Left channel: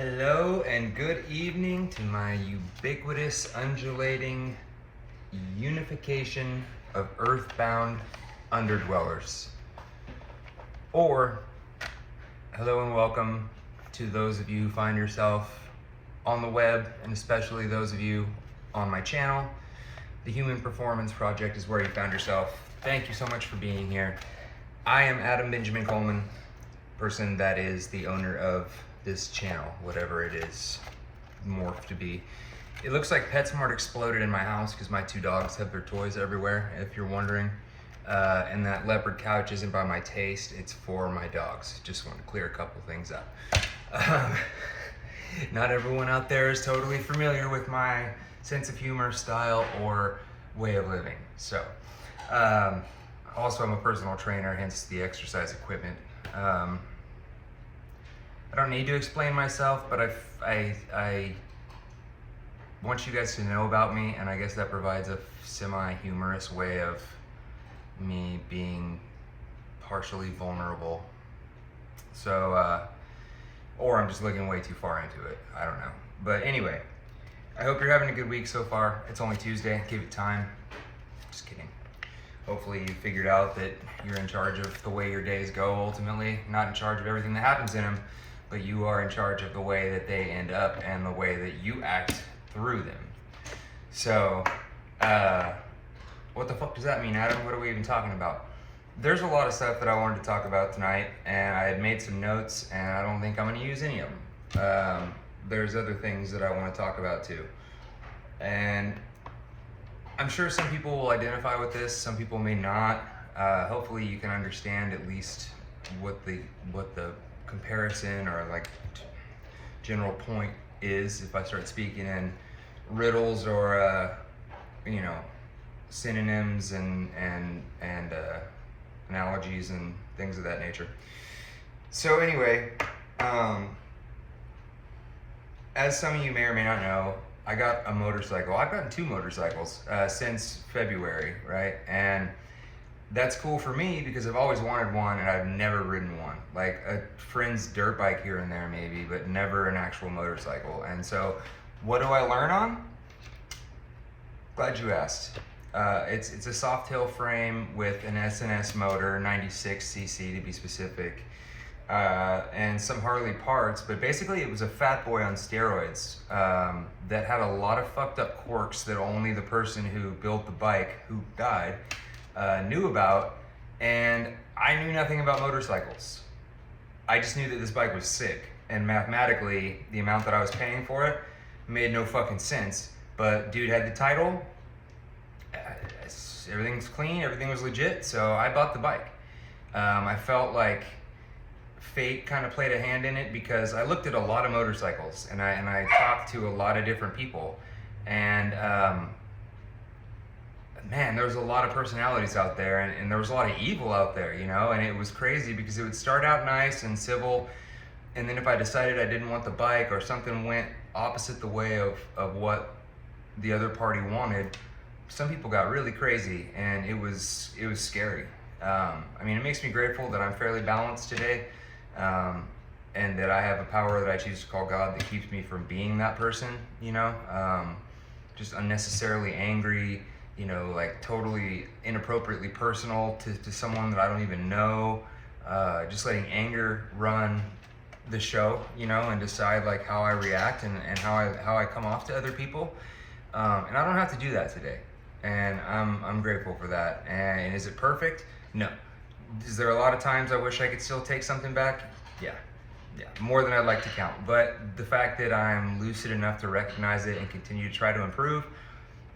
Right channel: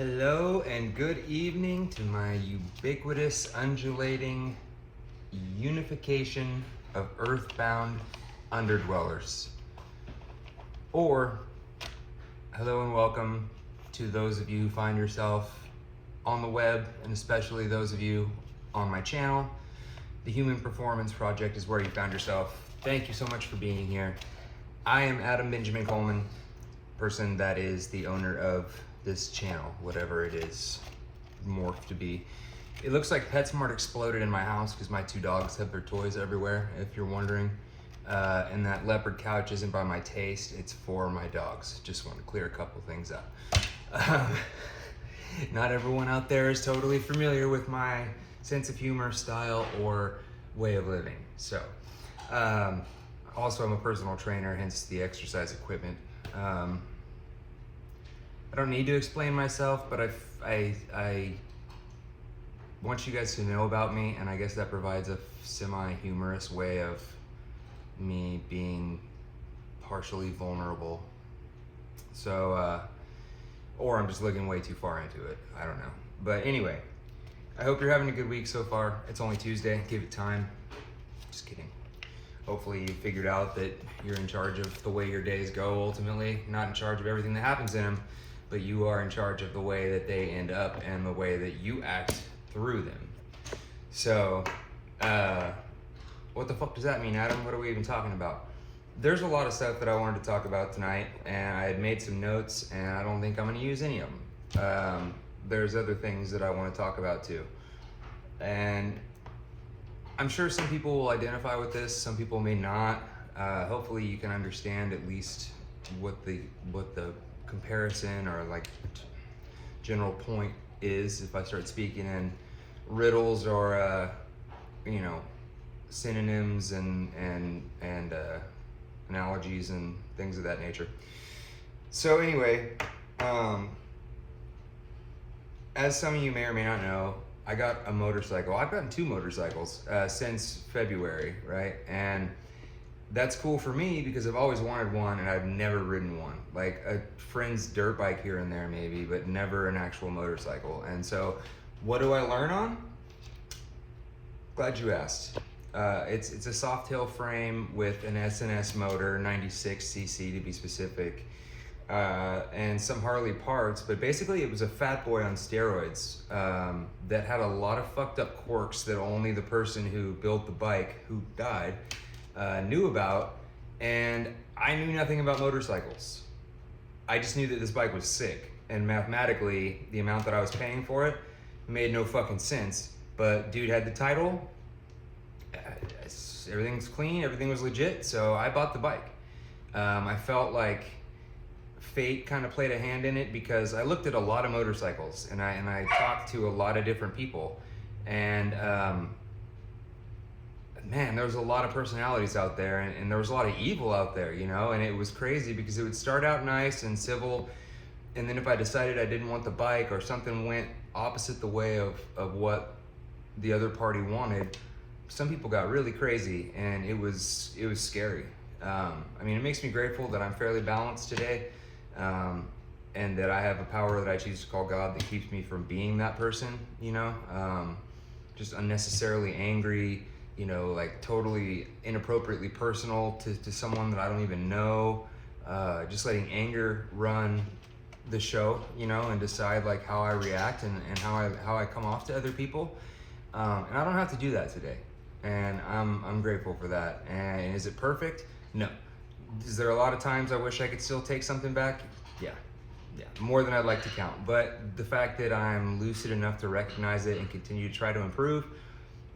Hello and good evening to my ubiquitous, undulating unification of earthbound underdwellers. Or, hello and welcome to those of you who find yourself on the web, and especially those of you on my channel. The Human Performance Project is where you found yourself. Thank you so much for being here. I am Adam Benjamin Coleman, person that is the owner of this channel, whatever it is morphed to be. It looks like PetSmart exploded in my house because my two dogs have their toys everywhere, if you're wondering. And that leopard couch isn't by my taste, it's for my dogs. Just want to clear a couple things up. Not everyone out there is totally familiar with my sense of humor, style, or way of living. So, also I'm a personal trainer, hence the exercise equipment. I don't need to explain myself, but I want you guys to know about me, and I guess that provides a semi-humorous way of me being partially vulnerable. So, or I'm just looking way too far into it. I don't know. But anyway, I hope you're having a good week so far. It's only Tuesday, give it time. Just kidding. Hopefully you figured out that you're in charge of the way your days go ultimately, not in charge of everything that happens in them, but you are in charge of the way that they end up and the way that you act through them. So, what the fuck does that mean, Adam? What are we even talking about? There's a lot of stuff that I wanted to talk about tonight, and I had made some notes, and I don't think I'm gonna use any of them. There's other things that I wanna talk about too. And I'm sure some people will identify with this, some people may not. Hopefully you can understand at least what the comparison or like general point is if I start speaking in riddles or synonyms and analogies and things of that nature. So anyway, as some of you may or may not know, I got a motorcycle. I've gotten two motorcycles since February, right? And that's cool for me because I've always wanted one and I've never ridden one. Like a friend's dirt bike here and there maybe, but never an actual motorcycle. And so what do I learn on? Glad you asked. It's a soft tail frame with an S&S motor, 96cc to be specific, and some Harley parts, but basically it was a fat boy on steroids that had a lot of fucked up quirks that only the person who built the bike, who died, knew about, and I knew nothing about motorcycles. I just knew that this bike was sick, and mathematically, the amount that I was paying for it made no fucking sense, but dude had the title, everything's clean, everything was legit, so I bought the bike. I felt like fate kind of played a hand in it because I looked at a lot of motorcycles, and I talked to a lot of different people, and man, there was a lot of personalities out there, and there was a lot of evil out there, you know, and it was crazy because it would start out nice and civil, and then if I decided I didn't want the bike or something went opposite the way of what the other party wanted, some people got really crazy, and it was scary. I mean, it makes me grateful that I'm fairly balanced today, and that I have a power that I choose to call God that keeps me from being that person, you know, just unnecessarily angry, you know, like totally inappropriately personal to someone that I don't even know, just letting anger run the show, you know, and decide like how I react and how I come off to other people. And I don't have to do that today. And I'm grateful for that. And is it perfect? No. Is there a lot of times I wish I could still take something back? Yeah, more than I'd like to count. But the fact that I'm lucid enough to recognize it and continue to try to improve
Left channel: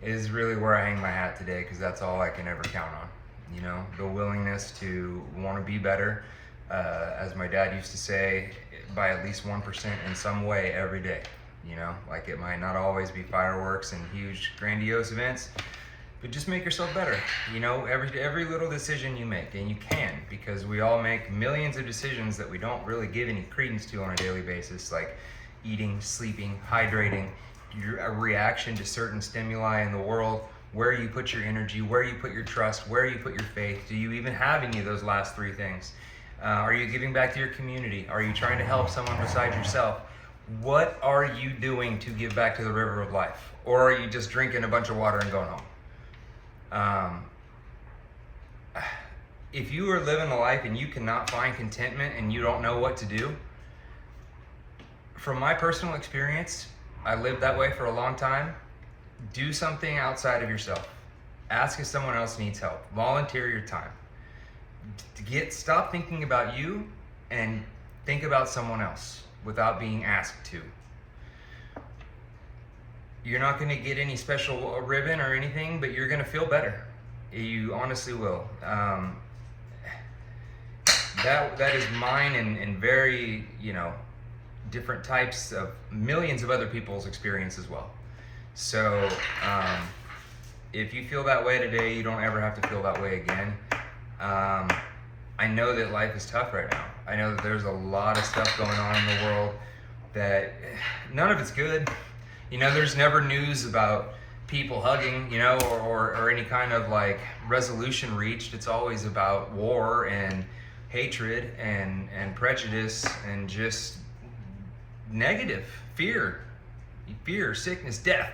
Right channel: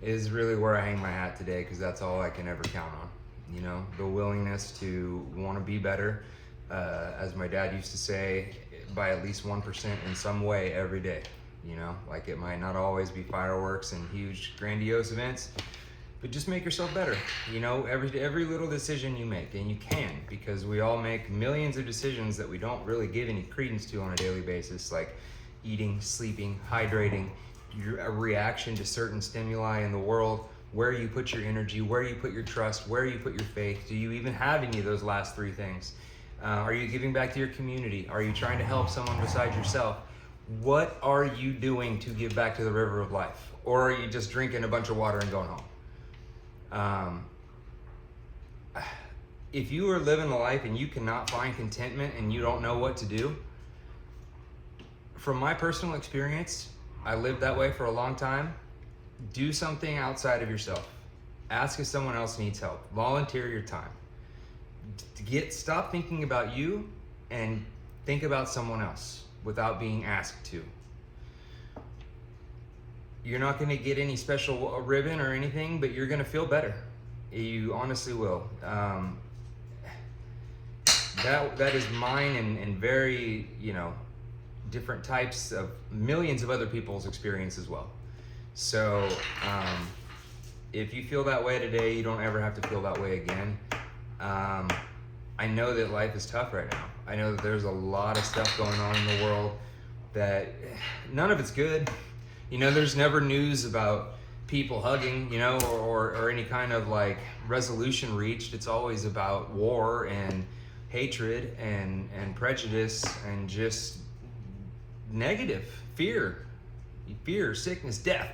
is really where I hang my hat today, because that's all I can ever count on. You know, the willingness to want to be better, as my dad used to say, by at least 1% in some way every day. You know, like it might not always be fireworks and huge grandiose events, but just make yourself better. You know, every little decision you make, and you can, because we all make millions of decisions that we don't really give any credence to on a daily basis, like eating, sleeping, hydrating, your reaction to certain stimuli in the world, where you put your energy, where you put your trust, where you put your faith. Do you even have any of those last three things? Are you giving back to your community? Are you trying to help someone besides yourself? What are you doing to give back to the river of life? Or are you just drinking a bunch of water and going home? If you are living a life and you cannot find contentment and you don't know what to do, from my personal experience, I lived that way for a long time. Do something outside of yourself. Ask if someone else needs help. Volunteer your time. Stop thinking about you and think about someone else without being asked to. You're not going to get any special ribbon or anything, but you're going to feel better. You honestly will. That is mine and very, different types of millions of other people's experience as well. So if you feel that way today, you don't ever have to feel that way again. I know that life is tough right now. I know that there's a lot of stuff going on in the world that none of it's good. There's never news about people hugging, or any kind of like resolution reached. It's always about war and hatred and prejudice and just negative fear, sickness, death.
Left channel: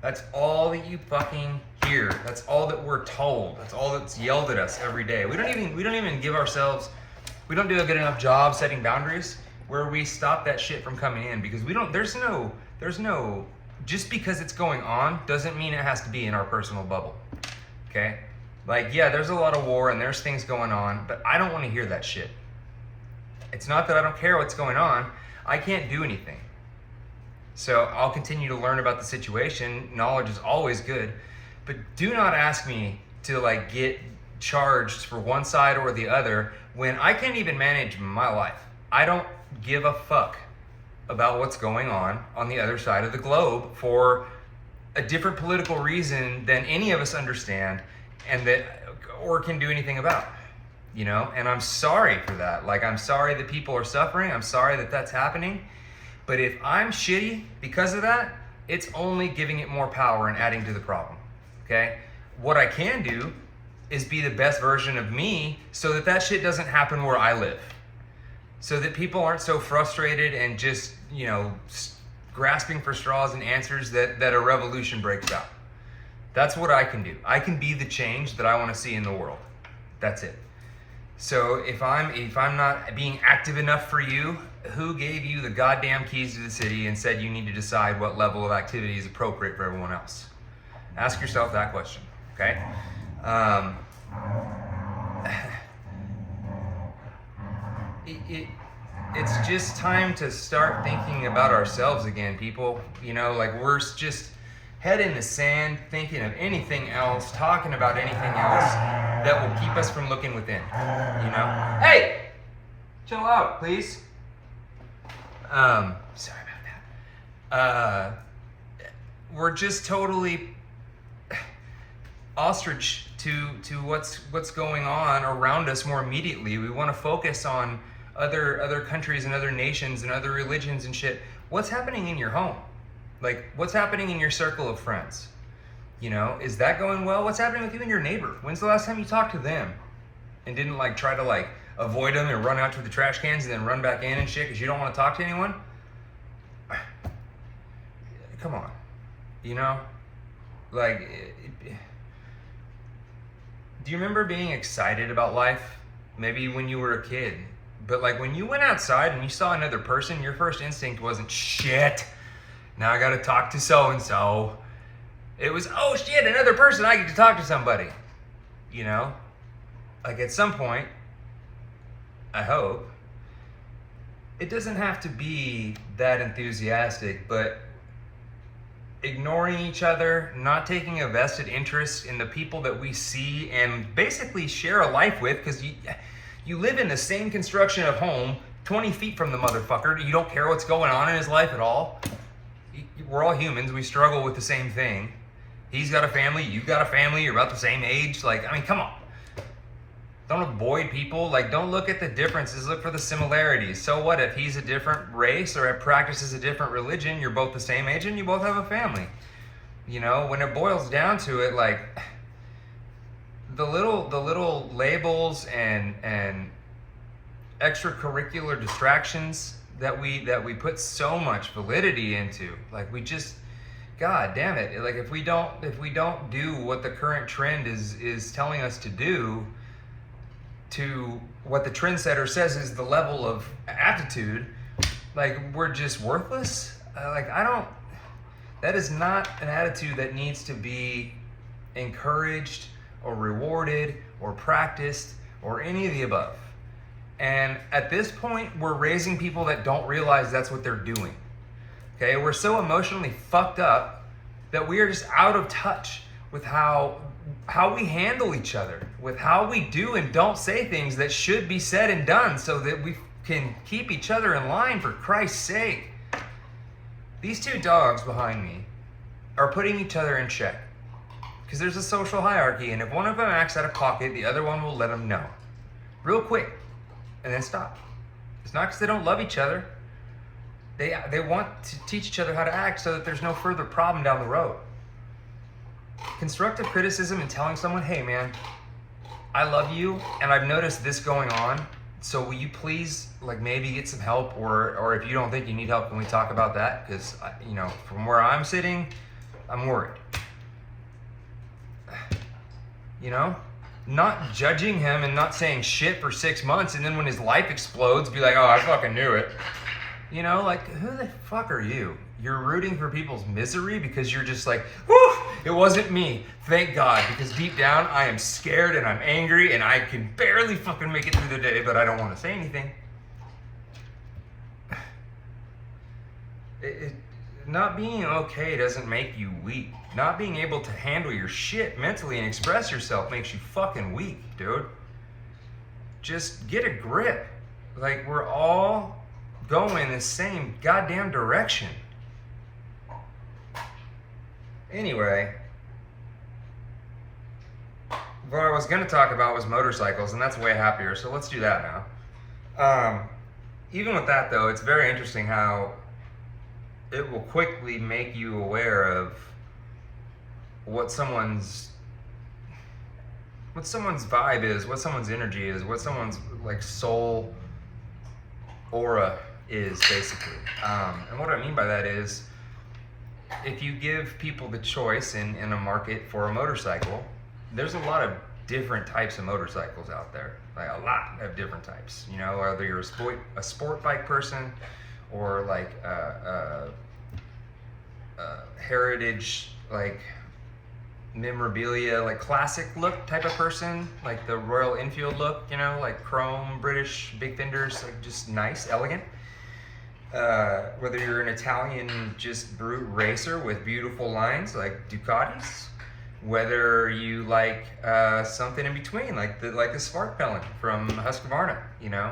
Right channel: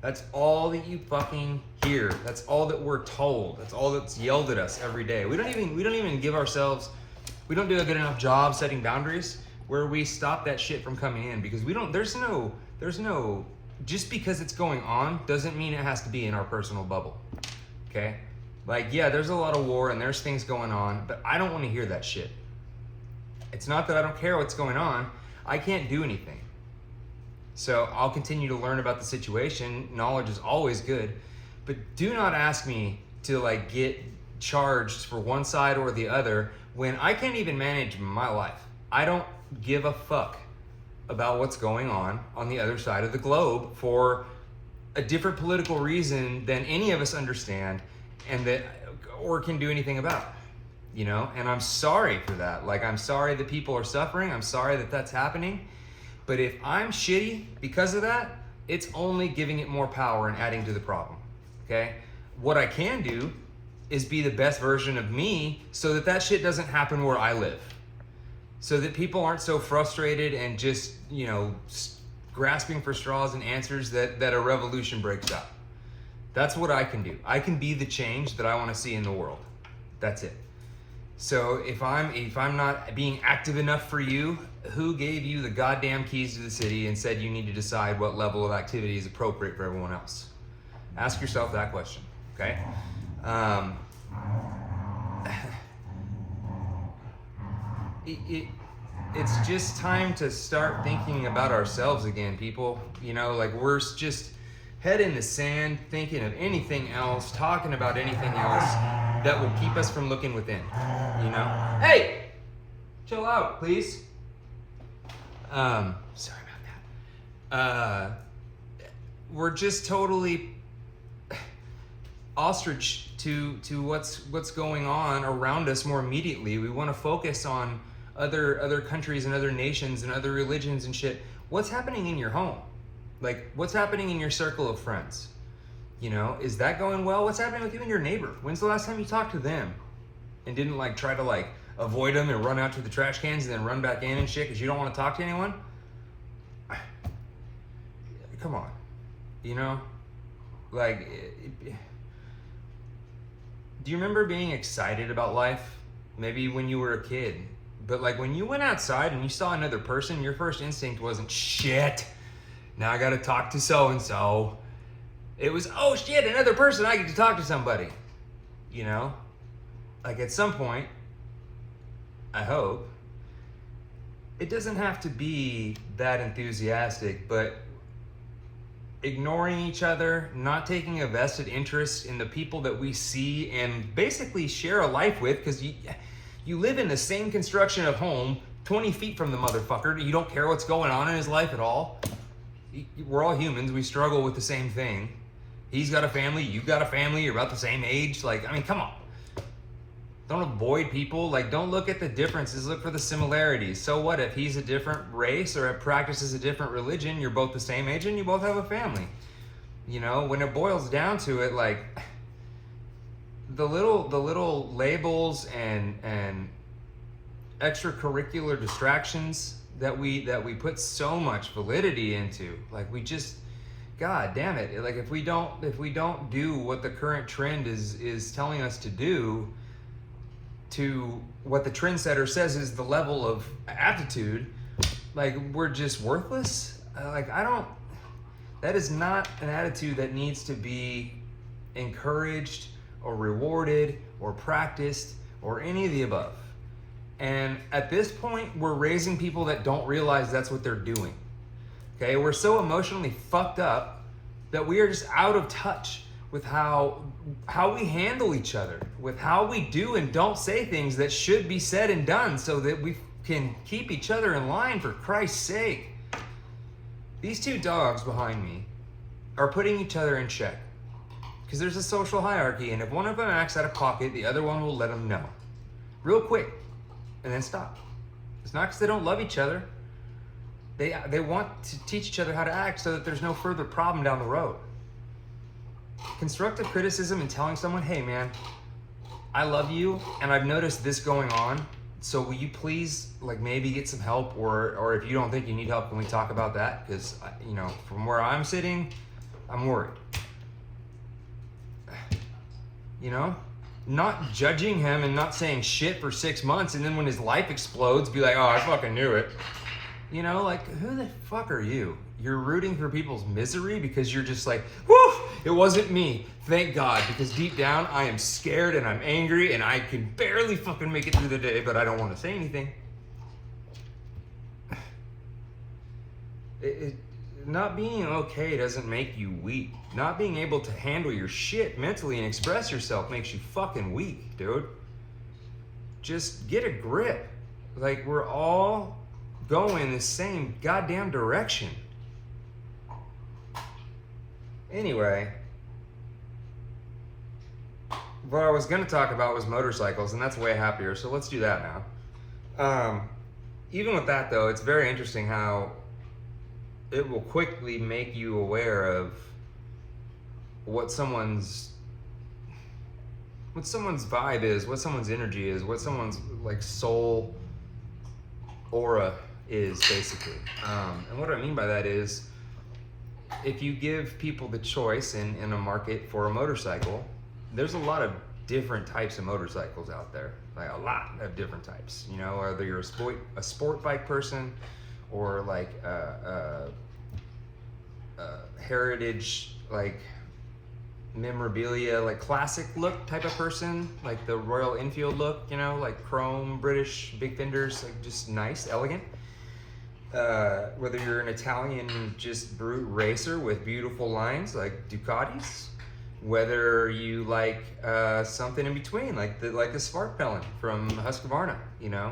That's all that you fucking hear. That's all that we're told. That's all that's yelled at us every day. We don't even give ourselves, we don't do a good enough job setting boundaries where we stop that shit from coming in, because there's no, just because it's going on doesn't mean it has to be in our personal bubble. Okay? Like, yeah, there's a lot of war and there's things going on, but I don't want to hear that shit. It's not that I don't care what's going on. I can't do anything. So I'll continue to learn about the situation. Knowledge is always good, but do not ask me to like get charged for one side or the other when I can't even manage my life. I don't give a fuck about what's going on the other side of the globe for a different political reason than any of us understand or can do anything about. And I'm sorry for that. Like, I'm sorry that people are suffering. I'm sorry that that's happening. But if I'm shitty because of that, it's only giving it more power and adding to the problem. Okay? What I can do is be the best version of me so that shit doesn't happen where I live. So that people aren't so frustrated and just, grasping for straws and answers that a revolution breaks out. That's what I can do. I can be the change that I want to see in the world. That's it. So if I'm not being active enough for you, who gave you the goddamn keys to the city and said you need to decide what level of activity is appropriate for everyone else? Ask yourself that question, okay? It's just time to start thinking about ourselves again, people. Like, we're just head in the sand, thinking of anything else, talking about anything else that will keep us from looking within, Hey, chill out, please. Sorry about that. We're just totally ostrich to what's going on around us more immediately. We want to focus on other countries and other nations and other religions and shit. What's happening in your home? Like, what's happening in your circle of friends? Is that going well? What's happening with you and your neighbor? When's the last time you talked to them and didn't try to avoid them and run out to the trash cans and then run back in and shit because you don't want to talk to anyone? Come on. Do you remember being excited about life? Maybe when you were a kid. But when you went outside and you saw another person, your first instinct wasn't, shit, now I gotta talk to so-and-so. It was, oh shit, another person, I get to talk to somebody. At some point, I hope, it doesn't have to be that enthusiastic, but ignoring each other, not taking a vested interest in the people that we see and basically share a life with, because you live in the same construction of home 20 feet from the motherfucker. You don't care what's going on in his life at all. We're all humans. We struggle with the same thing. He's got a family. You've got a family. You're about the same age. Come on. Don't avoid people. Don't look at the differences. Look for the similarities. So what if he's a different race or practices a different religion? You're both the same age and you both have a family. When it boils down to it, the little labels and extracurricular distractions that we put so much validity into. Like we just, God damn it! Like if we don't do what the current trend is telling us to do, to what the trendsetter says is the level of aptitude, like we're just worthless. That is not an attitude that needs to be encouraged or rewarded or practiced or any of the above. And at this point, we're raising people that don't realize that's what they're doing. Okay, we're so emotionally fucked up that we are just out of touch with how we handle each other, with how we do and don't say things that should be said and done so that we can keep each other in line, for Christ's sake. These two dogs behind me are putting each other in check because there's a social hierarchy, and if one of them acts out of pocket, the other one will let them know real quick and then stop. It's not because they don't love each other. They want to teach each other how to act so that there's no further problem down the road. Constructive criticism and telling someone, hey man, I love you and I've noticed this going on, so will you please like maybe get some help, or if you don't think you need help, can we talk about that? Because from where I'm sitting, I'm worried. Not judging him and not saying shit for 6 months, and then when his life explodes, be like, oh, I fucking knew it. Like, who the fuck are you? You're rooting for people's misery because you're just like, whew, it wasn't me. Thank God, because deep down, I am scared and I'm angry and I can barely fucking make it through the day, but I don't want to say anything. Not being okay doesn't make you weak. Not being able to handle your shit mentally and express yourself makes you fucking weak, dude. Just get a grip. Like, we're all going the same goddamn direction. Anyway, what I was gonna talk about was motorcycles, and that's way happier, so let's do that now. Even with that though, it's very interesting how it will quickly make you aware of what someone's vibe is, what someone's energy is, what someone's like soul aura is, basically. And what I mean by that is, if you give people the choice in a market for a motorcycle, there's a lot of different types of motorcycles out there, like a lot of different types. Whether you're a sport bike person or like a heritage, like memorabilia, like classic look type of person, like the Royal Enfield look, like chrome, British, big fenders, like just nice, elegant. Whether you're an Italian just brute racer with beautiful lines like Ducatis, whether you like something in between, like the Spark Pelin from Husqvarna,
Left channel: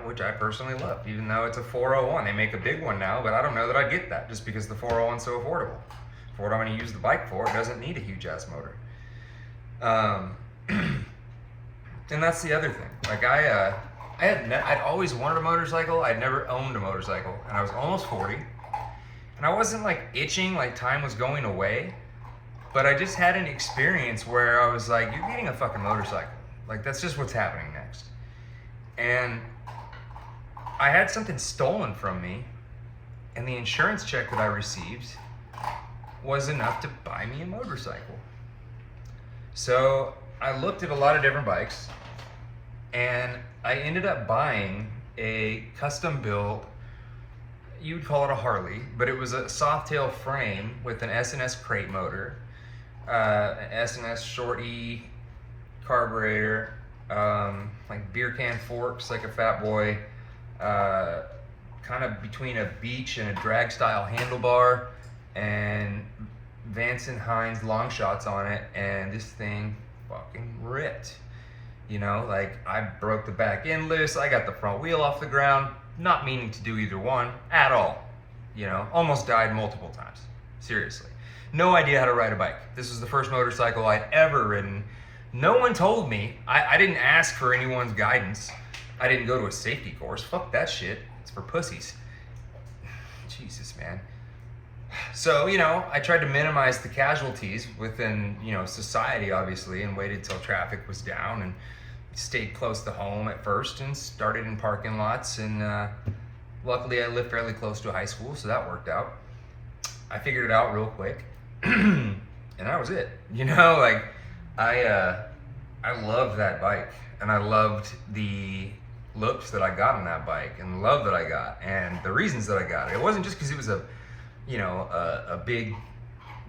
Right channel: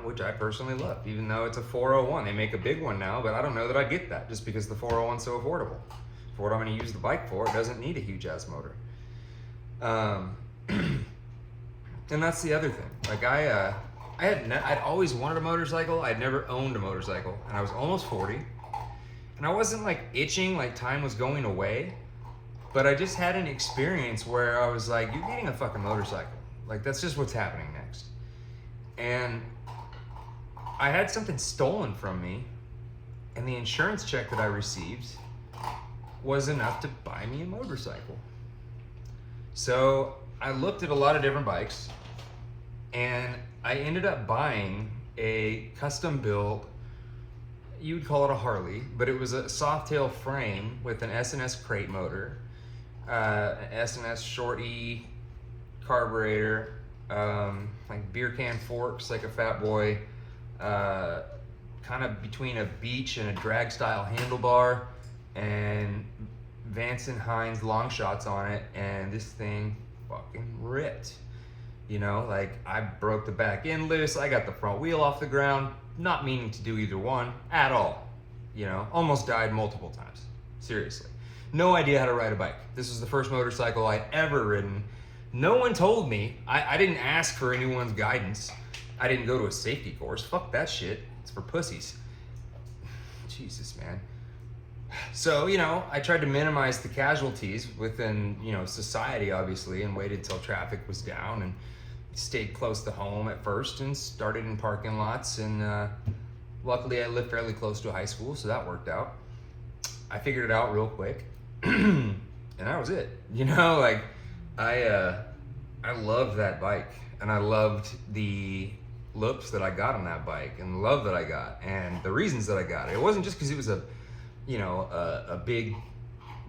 which I personally love, even though it's a 401. They make a big one now, but I don't know that I'd get that just because the 401's so affordable. For what I'm going to use the bike for, it doesn't need a huge ass motor. And that's the other thing. Like I'd always wanted a motorcycle. I'd never owned a motorcycle, and I was almost 40, and I wasn't like itching like time was going away, but I just had an experience where I was like, you're getting a fucking motorcycle. Like that's just what's happening next. And I had something stolen from me, and the insurance check that I received was enough to buy me a motorcycle. So I looked at a lot of different bikes, and I ended up buying a custom built, you'd call it a Harley, but it was a soft tail frame with an S&S crate motor, an S&S short E carburetor, like beer can forks like a Fat Boy, kind of between a beach and a drag style handlebar, and Vance and Hines long shots on it, and this thing fucking ripped. Like I broke the back end loose, I got the front wheel off the ground, not meaning to do either one at all. Almost died multiple times. Seriously. No idea how to ride a bike. This was the first motorcycle I'd ever ridden. No one told me. I didn't ask for anyone's guidance. I didn't go to a safety course. Fuck that shit. It's for pussies. Jesus, man. So, I tried to minimize the casualties within, society, obviously, and waited till traffic was down and stayed close to home at first and started in parking lots and Luckily, I live fairly close to a high school, so that worked out. I figured it out real quick, and that was it. You know, like I loved that bike, and I loved the looks that I got on that bike, and the love that I got, and the reasons that I got it. It wasn't just because it was a, you know, a big,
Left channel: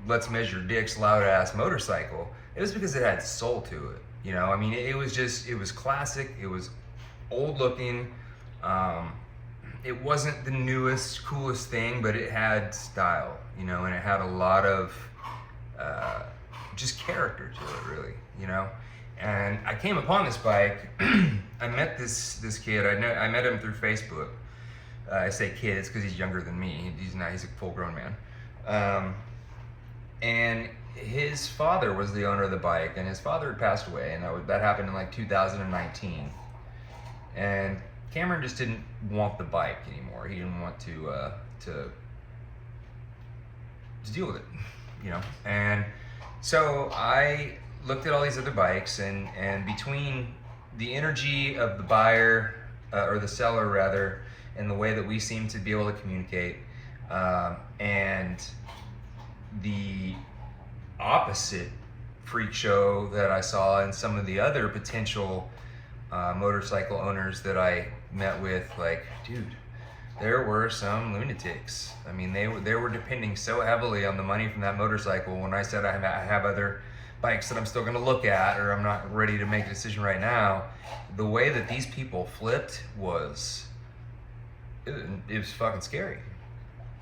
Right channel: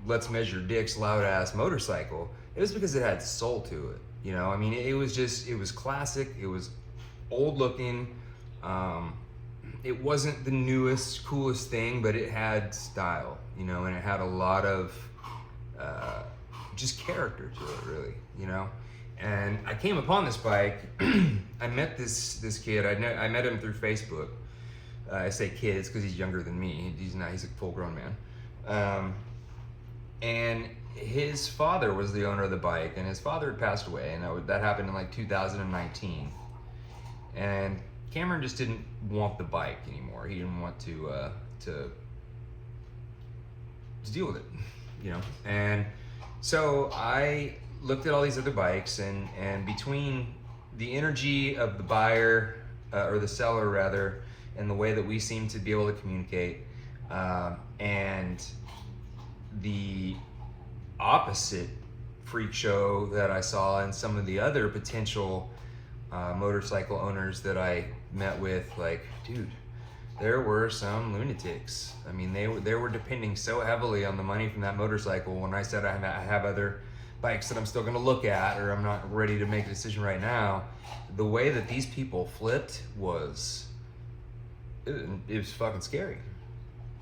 let's measure dicks, loud ass motorcycle. It was because it had soul to it. You know, I mean, it was classic. It was old looking. It wasn't the newest, coolest thing, but it had style, you know, and it had a lot of just character to it, really, you know. And I came upon this bike. I met this kid. I met him through Facebook. I say kid, it's because he's younger than me. He's a full-grown man. And his father was the owner of the bike, and his father had passed away, and that happened in like 2019. And Cameron just didn't want the bike anymore. He didn't want to deal with it, you know. And so I looked at all these other bikes, and between the energy of the buyer, or the seller rather, and the way that we seem to be able to communicate, and the opposite freak show that I saw in some of the other potential motorcycle owners that I met with, like, dude, there were some lunatics. I mean, they were depending so heavily on the money from that motorcycle. When I said I have other bikes that I'm still gonna look at, or I'm not ready to make a decision right now, the way that these people flipped was, it was fucking scary.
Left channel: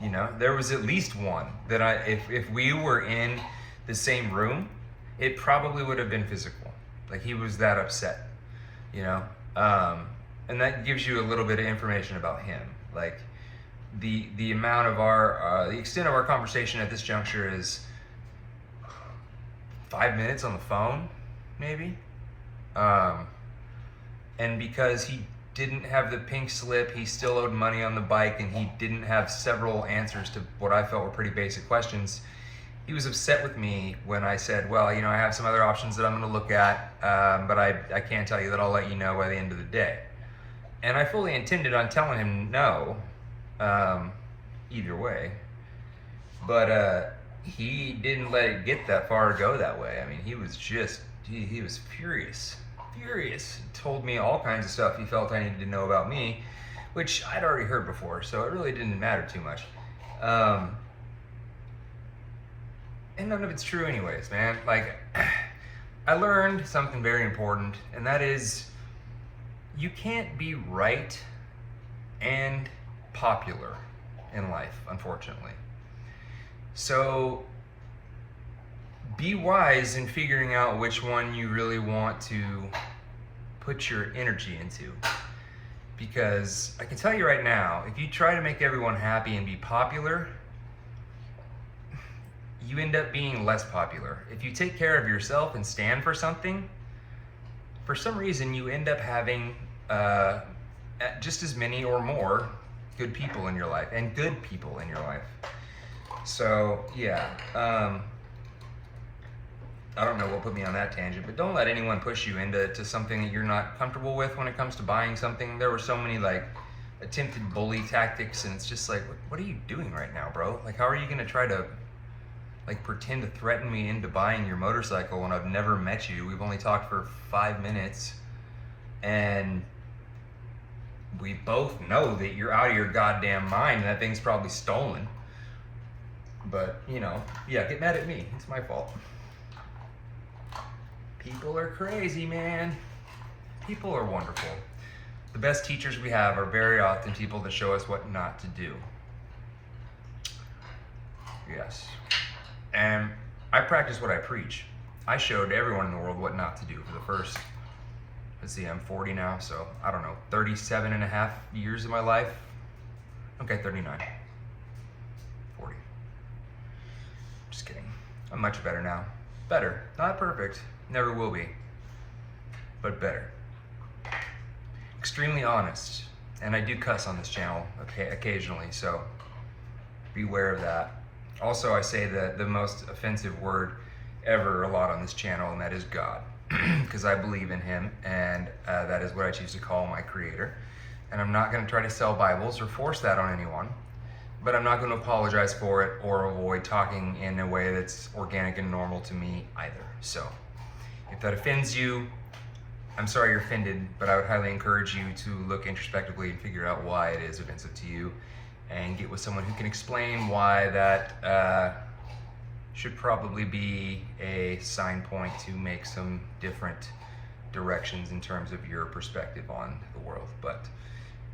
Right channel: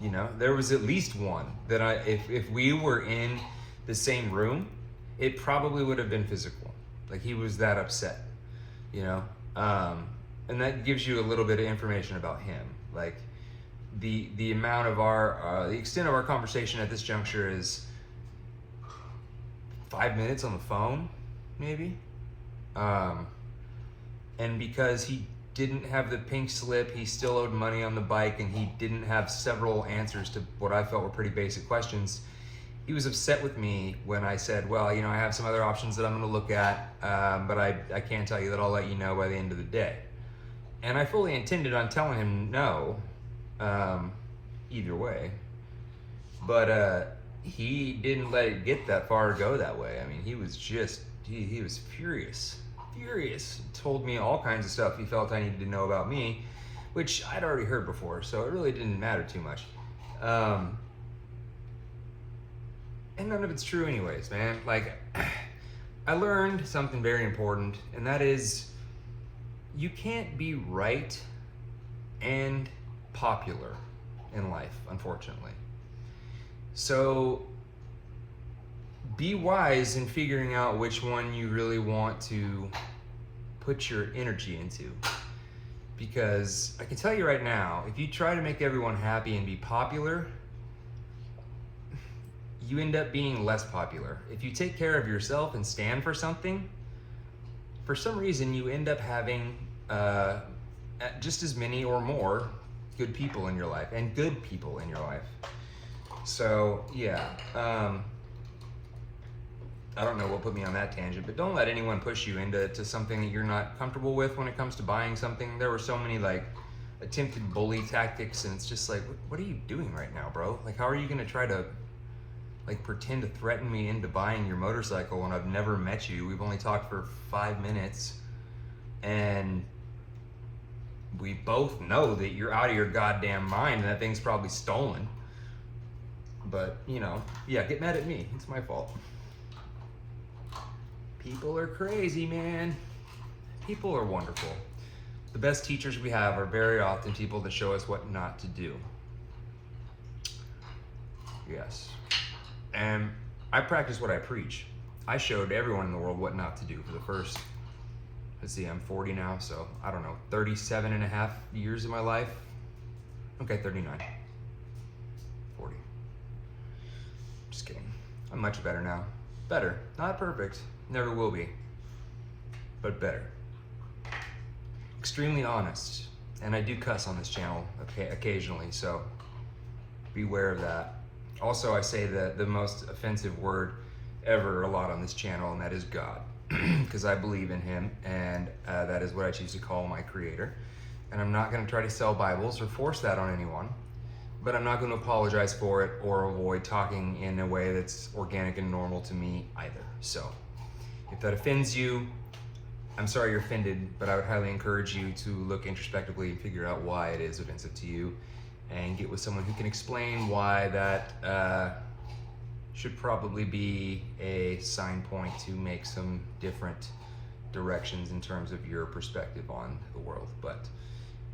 You know, there was at least one that if we were in the same room, it probably would have been physical. Like, he was that upset, you know? And that gives you a little bit of information about him. Like, the amount of the extent of our conversation at this juncture is 5 minutes on the phone, maybe. And because he didn't have the pink slip, he still owed money on the bike, and he didn't have several answers to what I felt were pretty basic questions. He was upset with me when I said, well, you know, I have some other options that I'm gonna look at, but I can't tell you that. I'll let you know by the end of the day. And I fully intended on telling him no, either way. But he didn't let it get that far to go that way. I mean, he was just, he was furious. Told me all kinds of stuff he felt I needed to know about me, which I'd already heard before, so it really didn't matter too much. And none of it's true anyways, man. Like, I learned something very important, and that is, you can't be right and popular in life, unfortunately. So be wise in figuring out which one you really want to put your energy into. Because I can tell you right now, if you try to make everyone happy and be popular, you end up being less popular. If you take care of yourself and stand for something, for some reason you end up having just as many or more good people in your life, and good people in your life. So yeah, I don't know what put me on that tangent, but don't let anyone push you into something that you're not comfortable with when it comes to buying something. There were so many like attempted bully tactics, and it's just like, what are you doing right now, bro? Like, how are you gonna try to like pretend to threaten me into buying your motorcycle when I've never met you? We've only talked for 5 minutes, and we both know that you're out of your goddamn mind and that thing's probably stolen. But, you know, yeah, get mad at me. It's my fault. People are crazy, man. People are wonderful. The best teachers we have are very often people that show us what not to do. Yes. And I practice what I preach. I showed everyone in the world what not to do for the first, let's see, I'm 40 now, so I don't know, 37 and a half years of my life. Okay, 39. 40. Just kidding. I'm much better now. Better. Not perfect. Never will be. But better. Extremely honest. And I do cuss on this channel occasionally, so beware of that. Also, I say the most offensive word ever a lot on this channel, and that is God. Because I believe in him, and that is what I choose to call my creator. and I'm not going to try to sell Bibles or force that on anyone, but I'm not going to apologize for it or avoid talking in a way that's organic and normal to me either. So if that offends you, I'm sorry you're offended, but I would highly encourage you to look introspectively and figure out why it is offensive to you, and get with someone who can explain why that should probably be a sign point to make some different directions in terms of your perspective on the world. But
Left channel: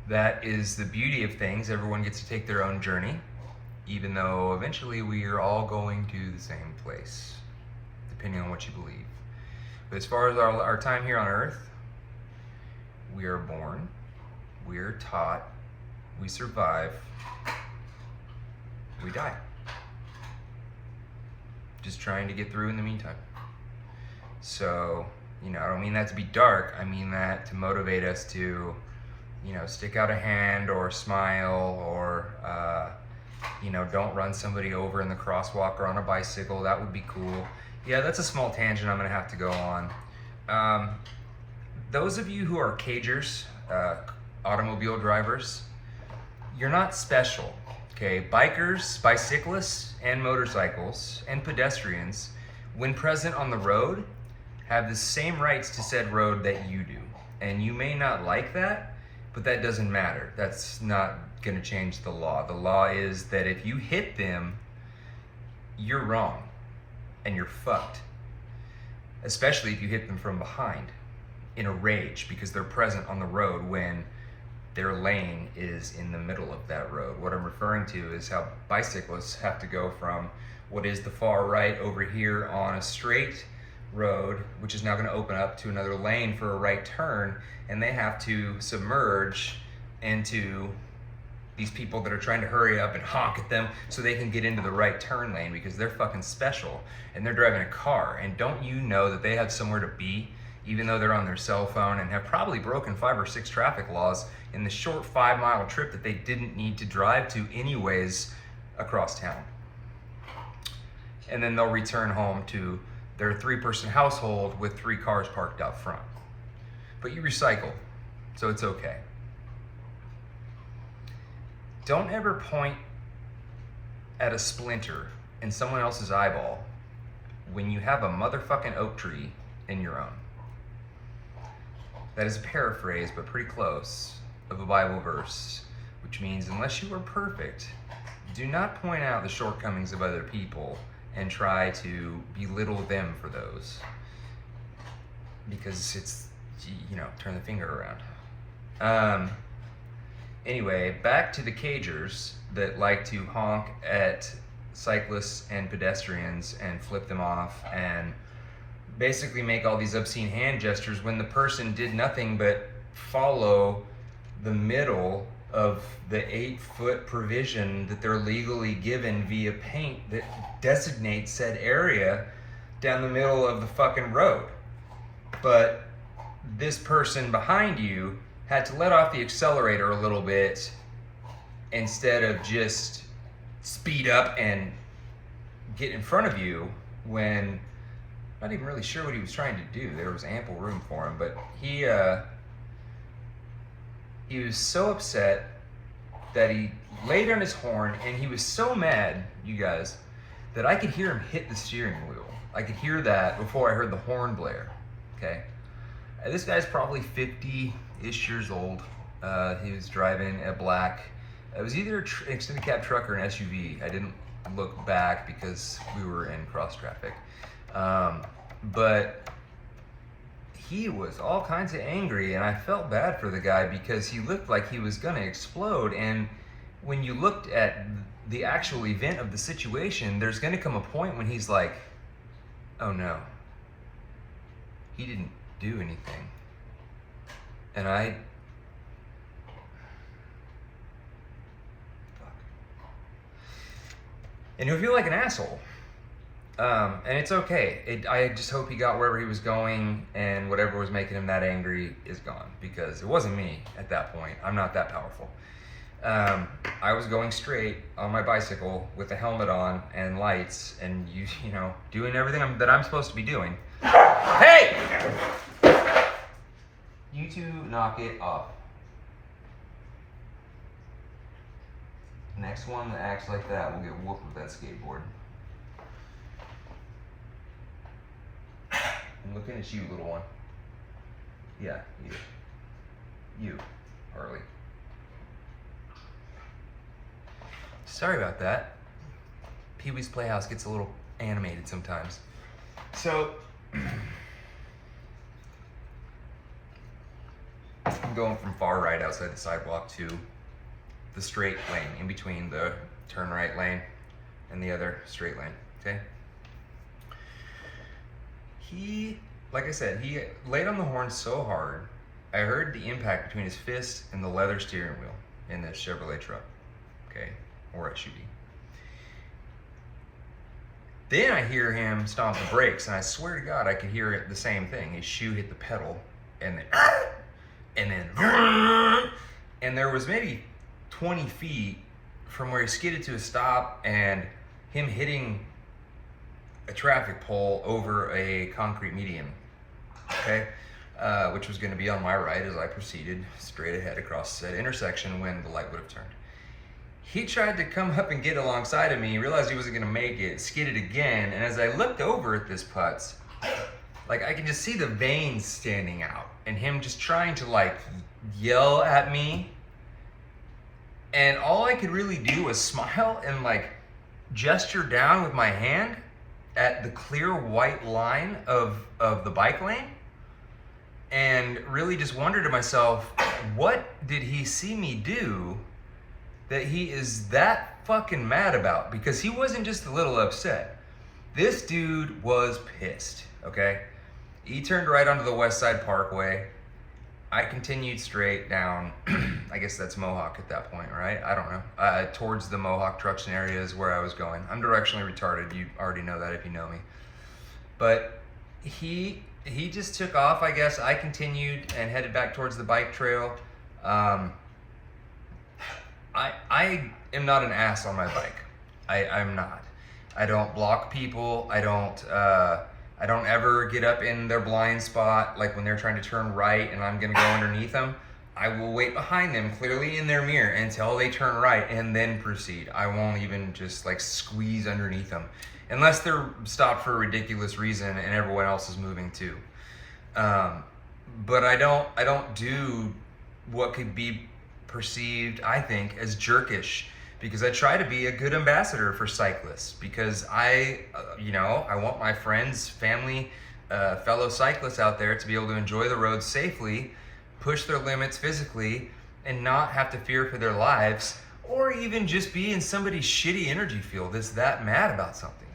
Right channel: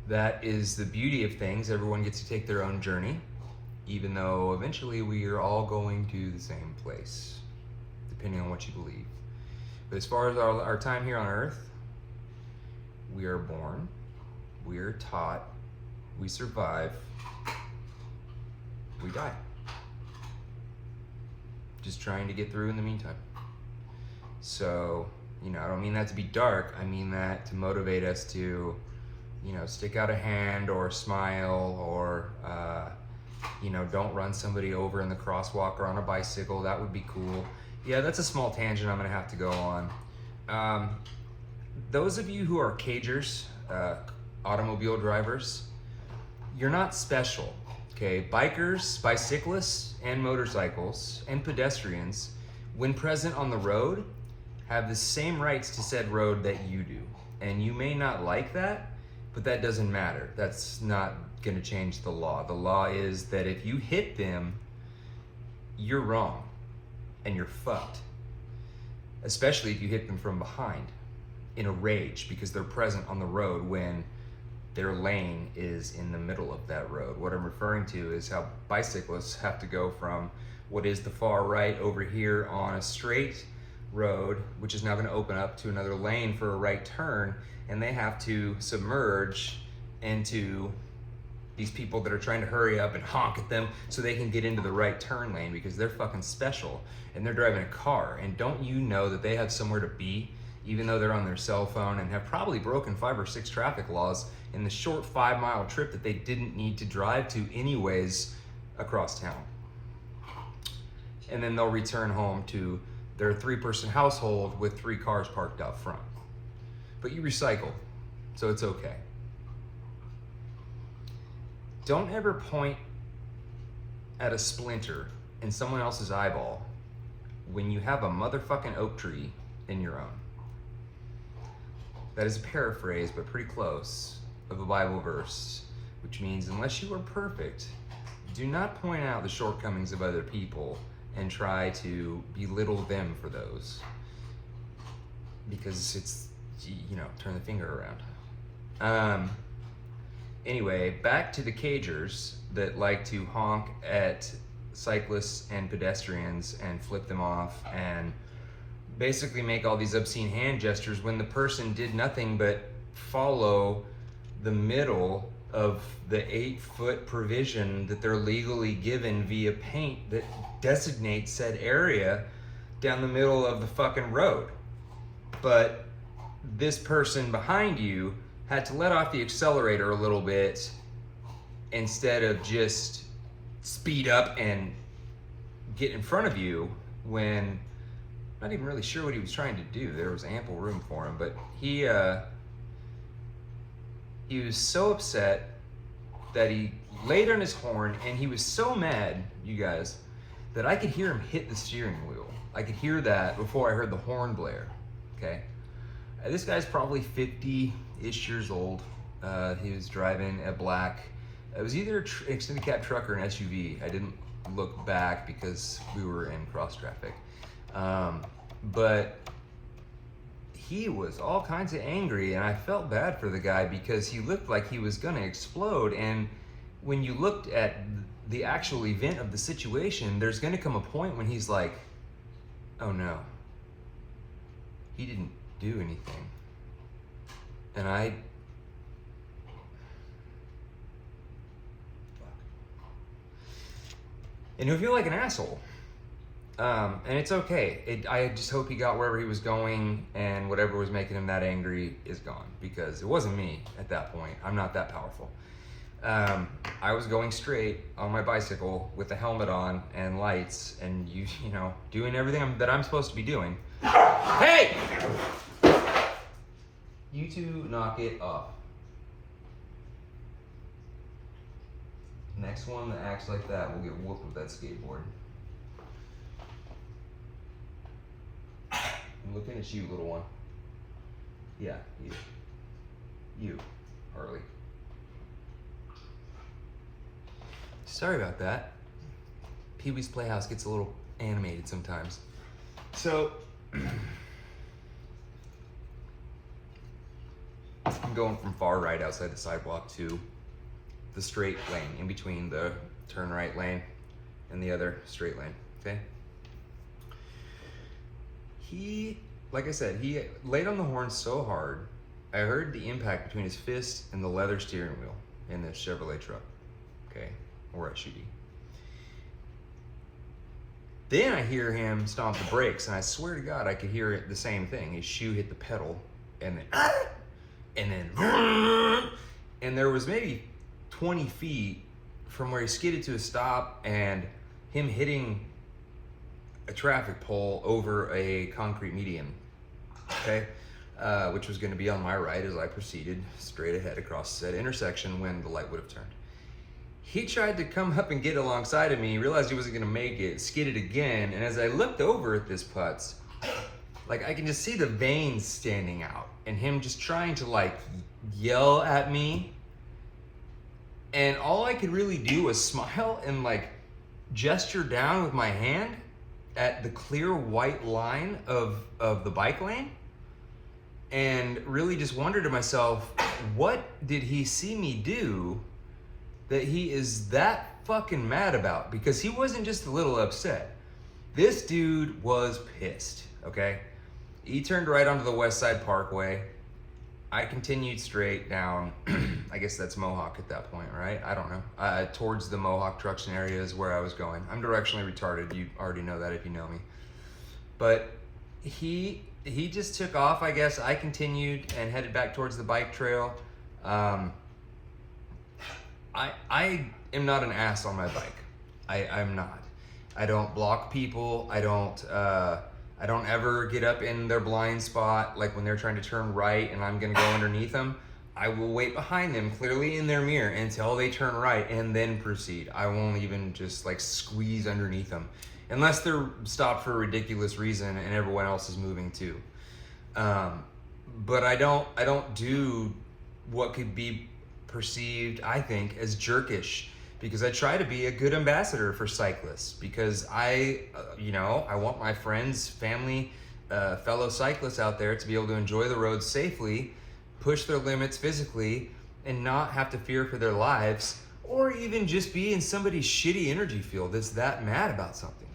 that is the beauty of things. Everyone gets to take their own journey, even though eventually we are all going to the same place, depending on what you believe. But as far as our time here on earth, we are born, we are taught, we survive, we die. Just trying to get through in the meantime. So, I don't mean that to be dark. I mean that to motivate us to, stick out a hand or smile or, don't run somebody over in the crosswalk or on a bicycle. That would be cool. Yeah, that's a small tangent I'm gonna have to go on. Those of you who are cagers, automobile drivers, you're not special, okay? Bikers, bicyclists, and motorcycles, and pedestrians, when present on the road, have the same rights to said road that you do. And you may not like that, but that doesn't matter. That's not gonna change the law. The law is that if you hit them, you're wrong and you're fucked. Especially if you hit them from behind in a rage because they're present on the road when their lane is in the middle of that road. What I'm referring to is how bicyclists have to go from what is the far right over here on a straight road, which is now going to open up to another lane for a right turn, and they have to submerge into these people that are trying to hurry up and honk at them so they can get into the right turn lane because they're fucking special and they're driving a car. And don't you know that they have somewhere to be, even though they're on their cell phone and have probably broken 5 or 6 traffic laws in the short 5-mile trip that they didn't need to drive to anyways across town. And then they'll return home to their 3-person household with 3 cars parked out front. But you recycle, so it's okay. Don't ever point at a splinter in someone else's eyeball when you have a motherfucking oak tree in your own. That is a paraphrase, but pretty close, of a Bible verse, which means unless you are perfect, do not point out the shortcomings of other people and try to belittle them for those. Because it's, turn the finger around. Anyway, back to the cagers that like to honk at cyclists and pedestrians and flip them off and basically make all these obscene hand gestures when the person did nothing but follow the middle of the 8-foot provision that they're legally given via paint that designates said area down the middle of the fucking road. But this person behind you had to let off the accelerator a little bit instead of just speed up and get in front of you when not even really sure what he was trying to do. There was ample room for him, but he was so upset that he laid on his horn, and he was so mad, you guys, that I could hear him hit the steering wheel. I could hear that before I heard the horn blare, okay? This guy's probably 50-ish years old. He was driving a black, it was either an extended cab truck or an SUV. I didn't look back because we were in cross traffic. But he was all kinds of angry, and I felt bad for the guy because he looked like he was gonna explode. And when you looked at the actual event of the situation, there's gonna come a point when he's like, oh no, he didn't do anything. And and he'll feel like an asshole. And it's okay. I just hope he got wherever he was going, and whatever was making him that angry is gone, because it wasn't me at that point. I'm not that powerful. I was going straight on my bicycle with a helmet on and lights, and you know, doing everything that I'm supposed to be doing. Hey! You two knock it off. next one that acts like that will get whooped with that skateboard. I'm looking at you, little one. Yeah, you. You, Harley. Sorry about that. Pee-wee's Playhouse gets a little animated sometimes. So, I'm going from far right outside the sidewalk to the straight lane, in between the turn right lane and the other straight lane, okay? Like I said, he laid on the horn so hard, I heard the impact between his fist and the leather steering wheel in this Chevrolet truck, okay? Or SUV. Then I hear him stomp the brakes, and I swear to God, I could hear it, the same thing. His shoe hit the pedal, and then, and there was maybe 20 feet from where he skidded to a stop, and him hitting a traffic pole over a concrete median, okay? Which was gonna be on my right as I proceeded straight ahead across said intersection when the light would have turned. He tried to come up and get alongside of me, realized he wasn't gonna make it, skidded again, and as I looked over at this putz, like I can just see the veins standing out and him just trying to like yell at me. And all I could really do was smile and like gesture down with my hand at the clear white line of the bike lane, and really just wondered to myself, what did he see me do that he is that fucking mad about? Because he wasn't just a little upset. This dude was pissed, okay? He turned right onto the West Side Parkway. I continued straight down, I guess that's Mohawk at that point, right? I don't know. Towards the Mohawk Truxton area is where I was going. I'm directionally retarded. You already know that if you know me. But he just took off, I guess. I continued and headed back towards the bike trail. I am not an ass on my bike. I'm not. I don't block people. I don't ever get up in their blind spot, like when they're trying to turn right and I'm gonna go underneath them. I will wait behind them, clearly in their mirror, until they turn right and then proceed. I won't even just like squeeze underneath them, unless they're stopped for a ridiculous reason and everyone else is moving too. But I don't do what could be perceived, I think, as jerkish, because I try to be a good ambassador for cyclists, because I want my friends, family, fellow cyclists out there to be able to enjoy the roads safely, push their limits physically, and not have to fear for their lives, or even just be in somebody's shitty energy field that's that mad about something.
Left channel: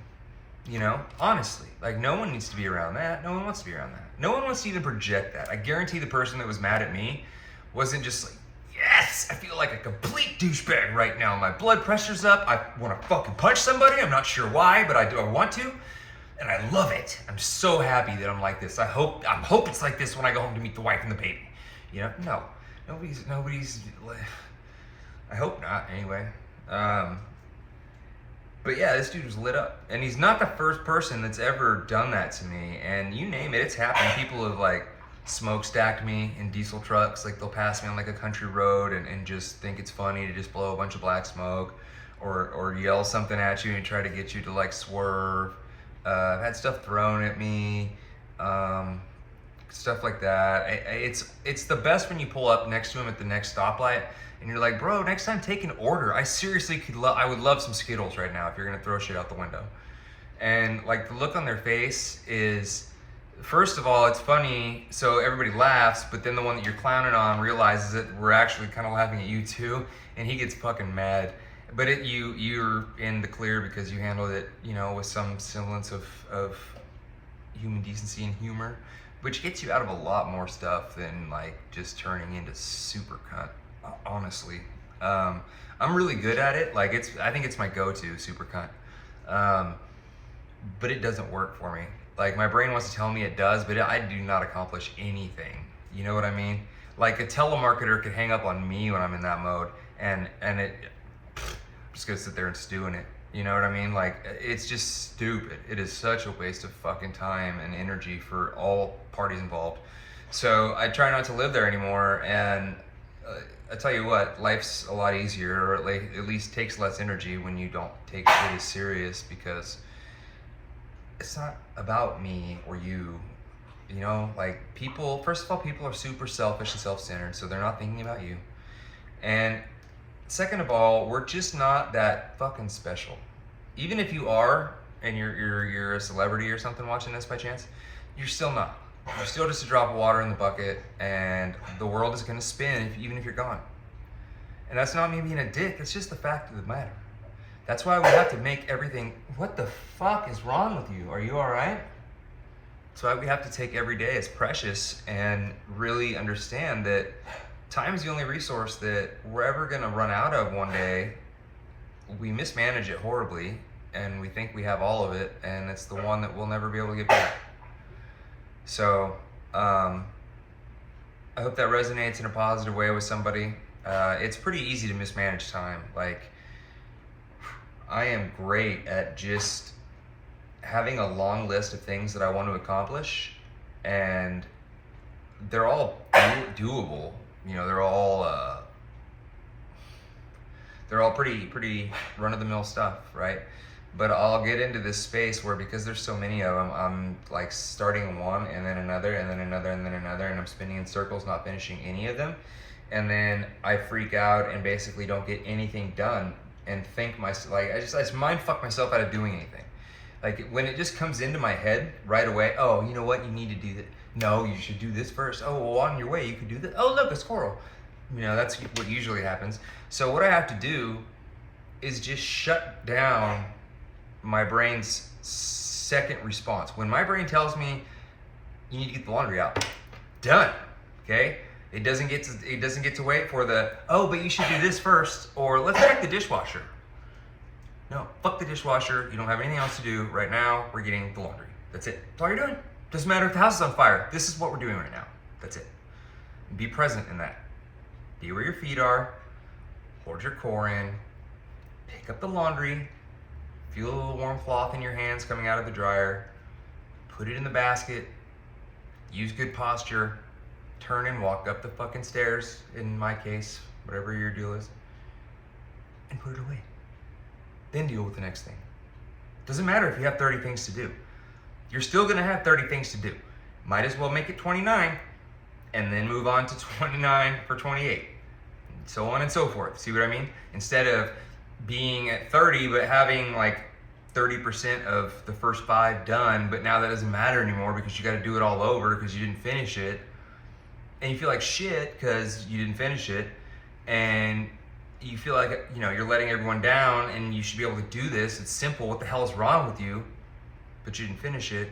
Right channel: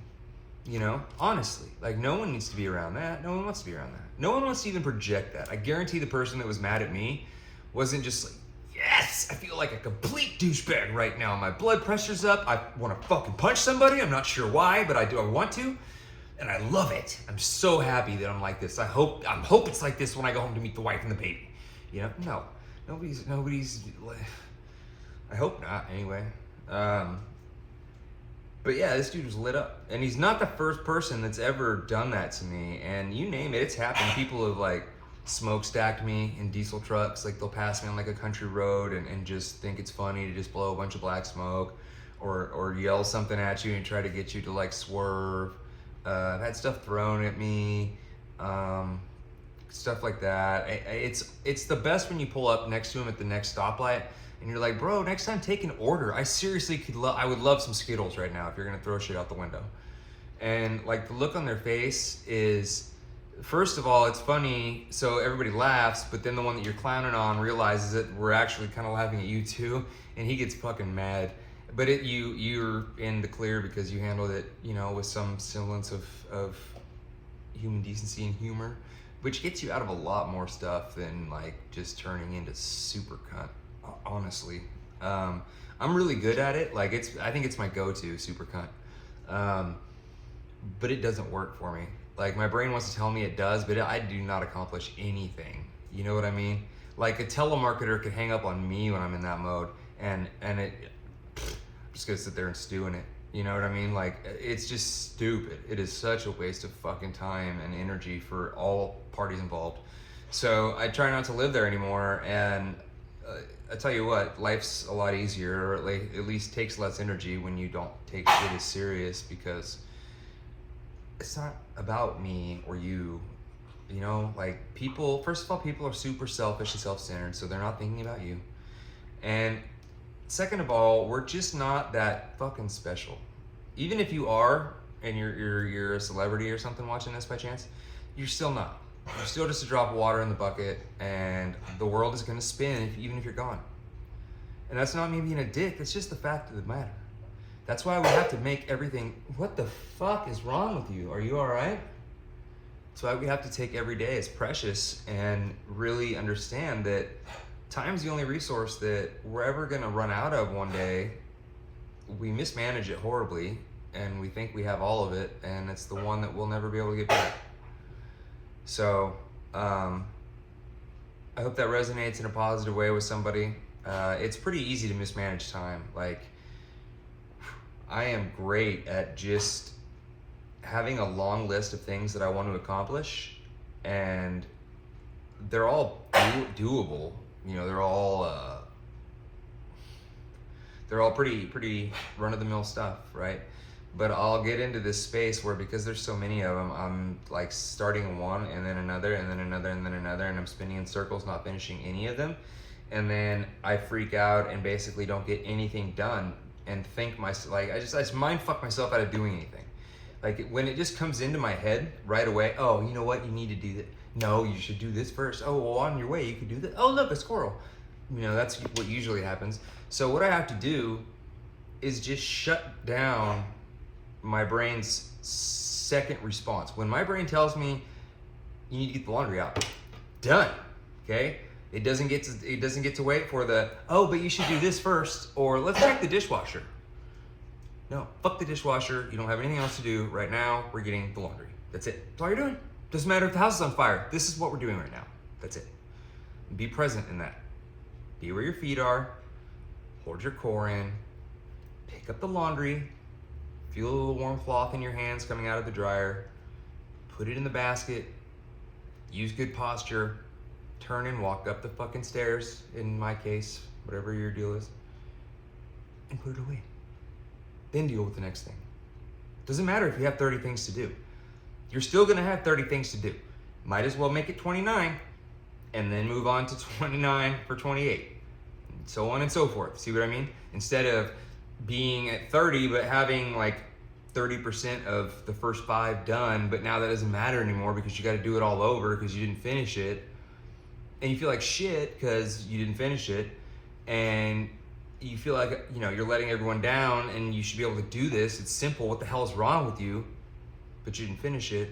You know, honestly, like no one needs to be around that. No one wants to be around that. No one wants to even project that. I guarantee the person that was mad at me wasn't just like, yes, I feel like a complete douchebag right now. My blood pressure's up. I want to fucking punch somebody. I'm not sure why, but I want to. And I love it. I'm so happy that I'm like this. I hope it's like this when I go home to meet the wife and the baby. You know, no, nobody's, I hope not anyway. But yeah, this dude was lit up, and he's not the first person that's ever done that to me. And you name it, it's happened. People have like smokestacked me in diesel trucks. Like they'll pass me on like a country road and just think it's funny to just blow a bunch of black smoke, or yell something at you and try to get you to like swerve. I've had stuff thrown at me, stuff like that. It's the best when you pull up next to him at the next stoplight and you're like, bro, next time take an order. I seriously I would love some Skittles right now if you're gonna throw shit out the window. And like the look on their face is, first of all, it's funny, so everybody laughs, but then the one that you're clowning on realizes that we're actually kind of laughing at you too, and he gets fucking mad. But you're in the clear because you handled it, you know, with some semblance of human decency and humor, which gets you out of a lot more stuff than like just turning into super cunt, honestly. I'm really good at it. Like I think it's my go-to, super cunt. But it doesn't work for me. Like my brain wants to tell me it does, but I do not accomplish anything. You know what I mean? Like a telemarketer could hang up on me when I'm in that mode, and it just gonna sit there and stew in it. You know what I mean? Like it's just stupid. It is such a waste of fucking time and energy for all parties involved. So I try not to live there anymore, and I tell you what, life's a lot easier, or at least takes less energy when you don't take shit as serious, because it's not about me or you. You know, like people, first of all, people are super selfish and self-centered, so they're not thinking about you. And second of all, we're just not that fucking special. Even if you are, and you're a celebrity or something watching this by chance, you're still not. You're still just a drop of water in the bucket, and the world is gonna spin even if you're gone. And that's not me being a dick, it's just the fact of the matter. That's why we have to make everything, what the fuck is wrong with you? Are you all right? That's why we have to take every day as precious and really understand that time is the only resource that we're ever gonna run out of one day. We mismanage it horribly, and we think we have all of it, and it's the one that we'll never be able to get back. So, I hope that resonates in a positive way with somebody. It's pretty easy to mismanage time. Like, I am great at just having a long list of things that I want to accomplish, and they're all doable. You know, they're all pretty run-of-the-mill stuff, right? But I'll get into this space where, because there's so many of them, I'm like starting one and then another and then another and then another, and I'm spinning in circles, not finishing any of them. And then I freak out and basically don't get anything done, and think myself, like, I just mind fuck myself out of doing anything. Like, when it just comes into my head right away, oh, you know what, you need to do that. No, you should do this first. Oh, well, on your way, you could do that. Oh, look, a squirrel. You know, that's what usually happens. So what I have to do is just shut down my brain's second response. When my brain tells me you need to get the laundry out, done, okay? It doesn't get to wait for the, oh, but you should do this first, or let's check the dishwasher. No, fuck the dishwasher. You don't have anything else to do right now. We're getting the laundry. That's it. That's all you're doing. Doesn't matter if the house is on fire. This is what we're doing right now. That's it. Be present in that. Be where your feet are. Hold your core in. Pick up the laundry. Feel a little warm cloth in your hands coming out of the dryer. Put it in the basket. Use good posture. Turn and walk up the fucking stairs, in my case, whatever your deal is, and put it away. Then deal with the next thing. Doesn't matter if you have 30 things to do. You're still gonna have 30 things to do. Might as well make it 29 and then move on to 29 for 28, and so on and so forth. See what I mean? Instead of being at 30 but having like 30% of the first 5 done, but now that doesn't matter anymore because you gotta do it all over because you didn't finish it, and you feel like shit because you didn't finish it, and you feel like, you know, you're letting everyone down, and you should be able to do this. It's simple. What the hell is wrong with you? But you didn't finish it.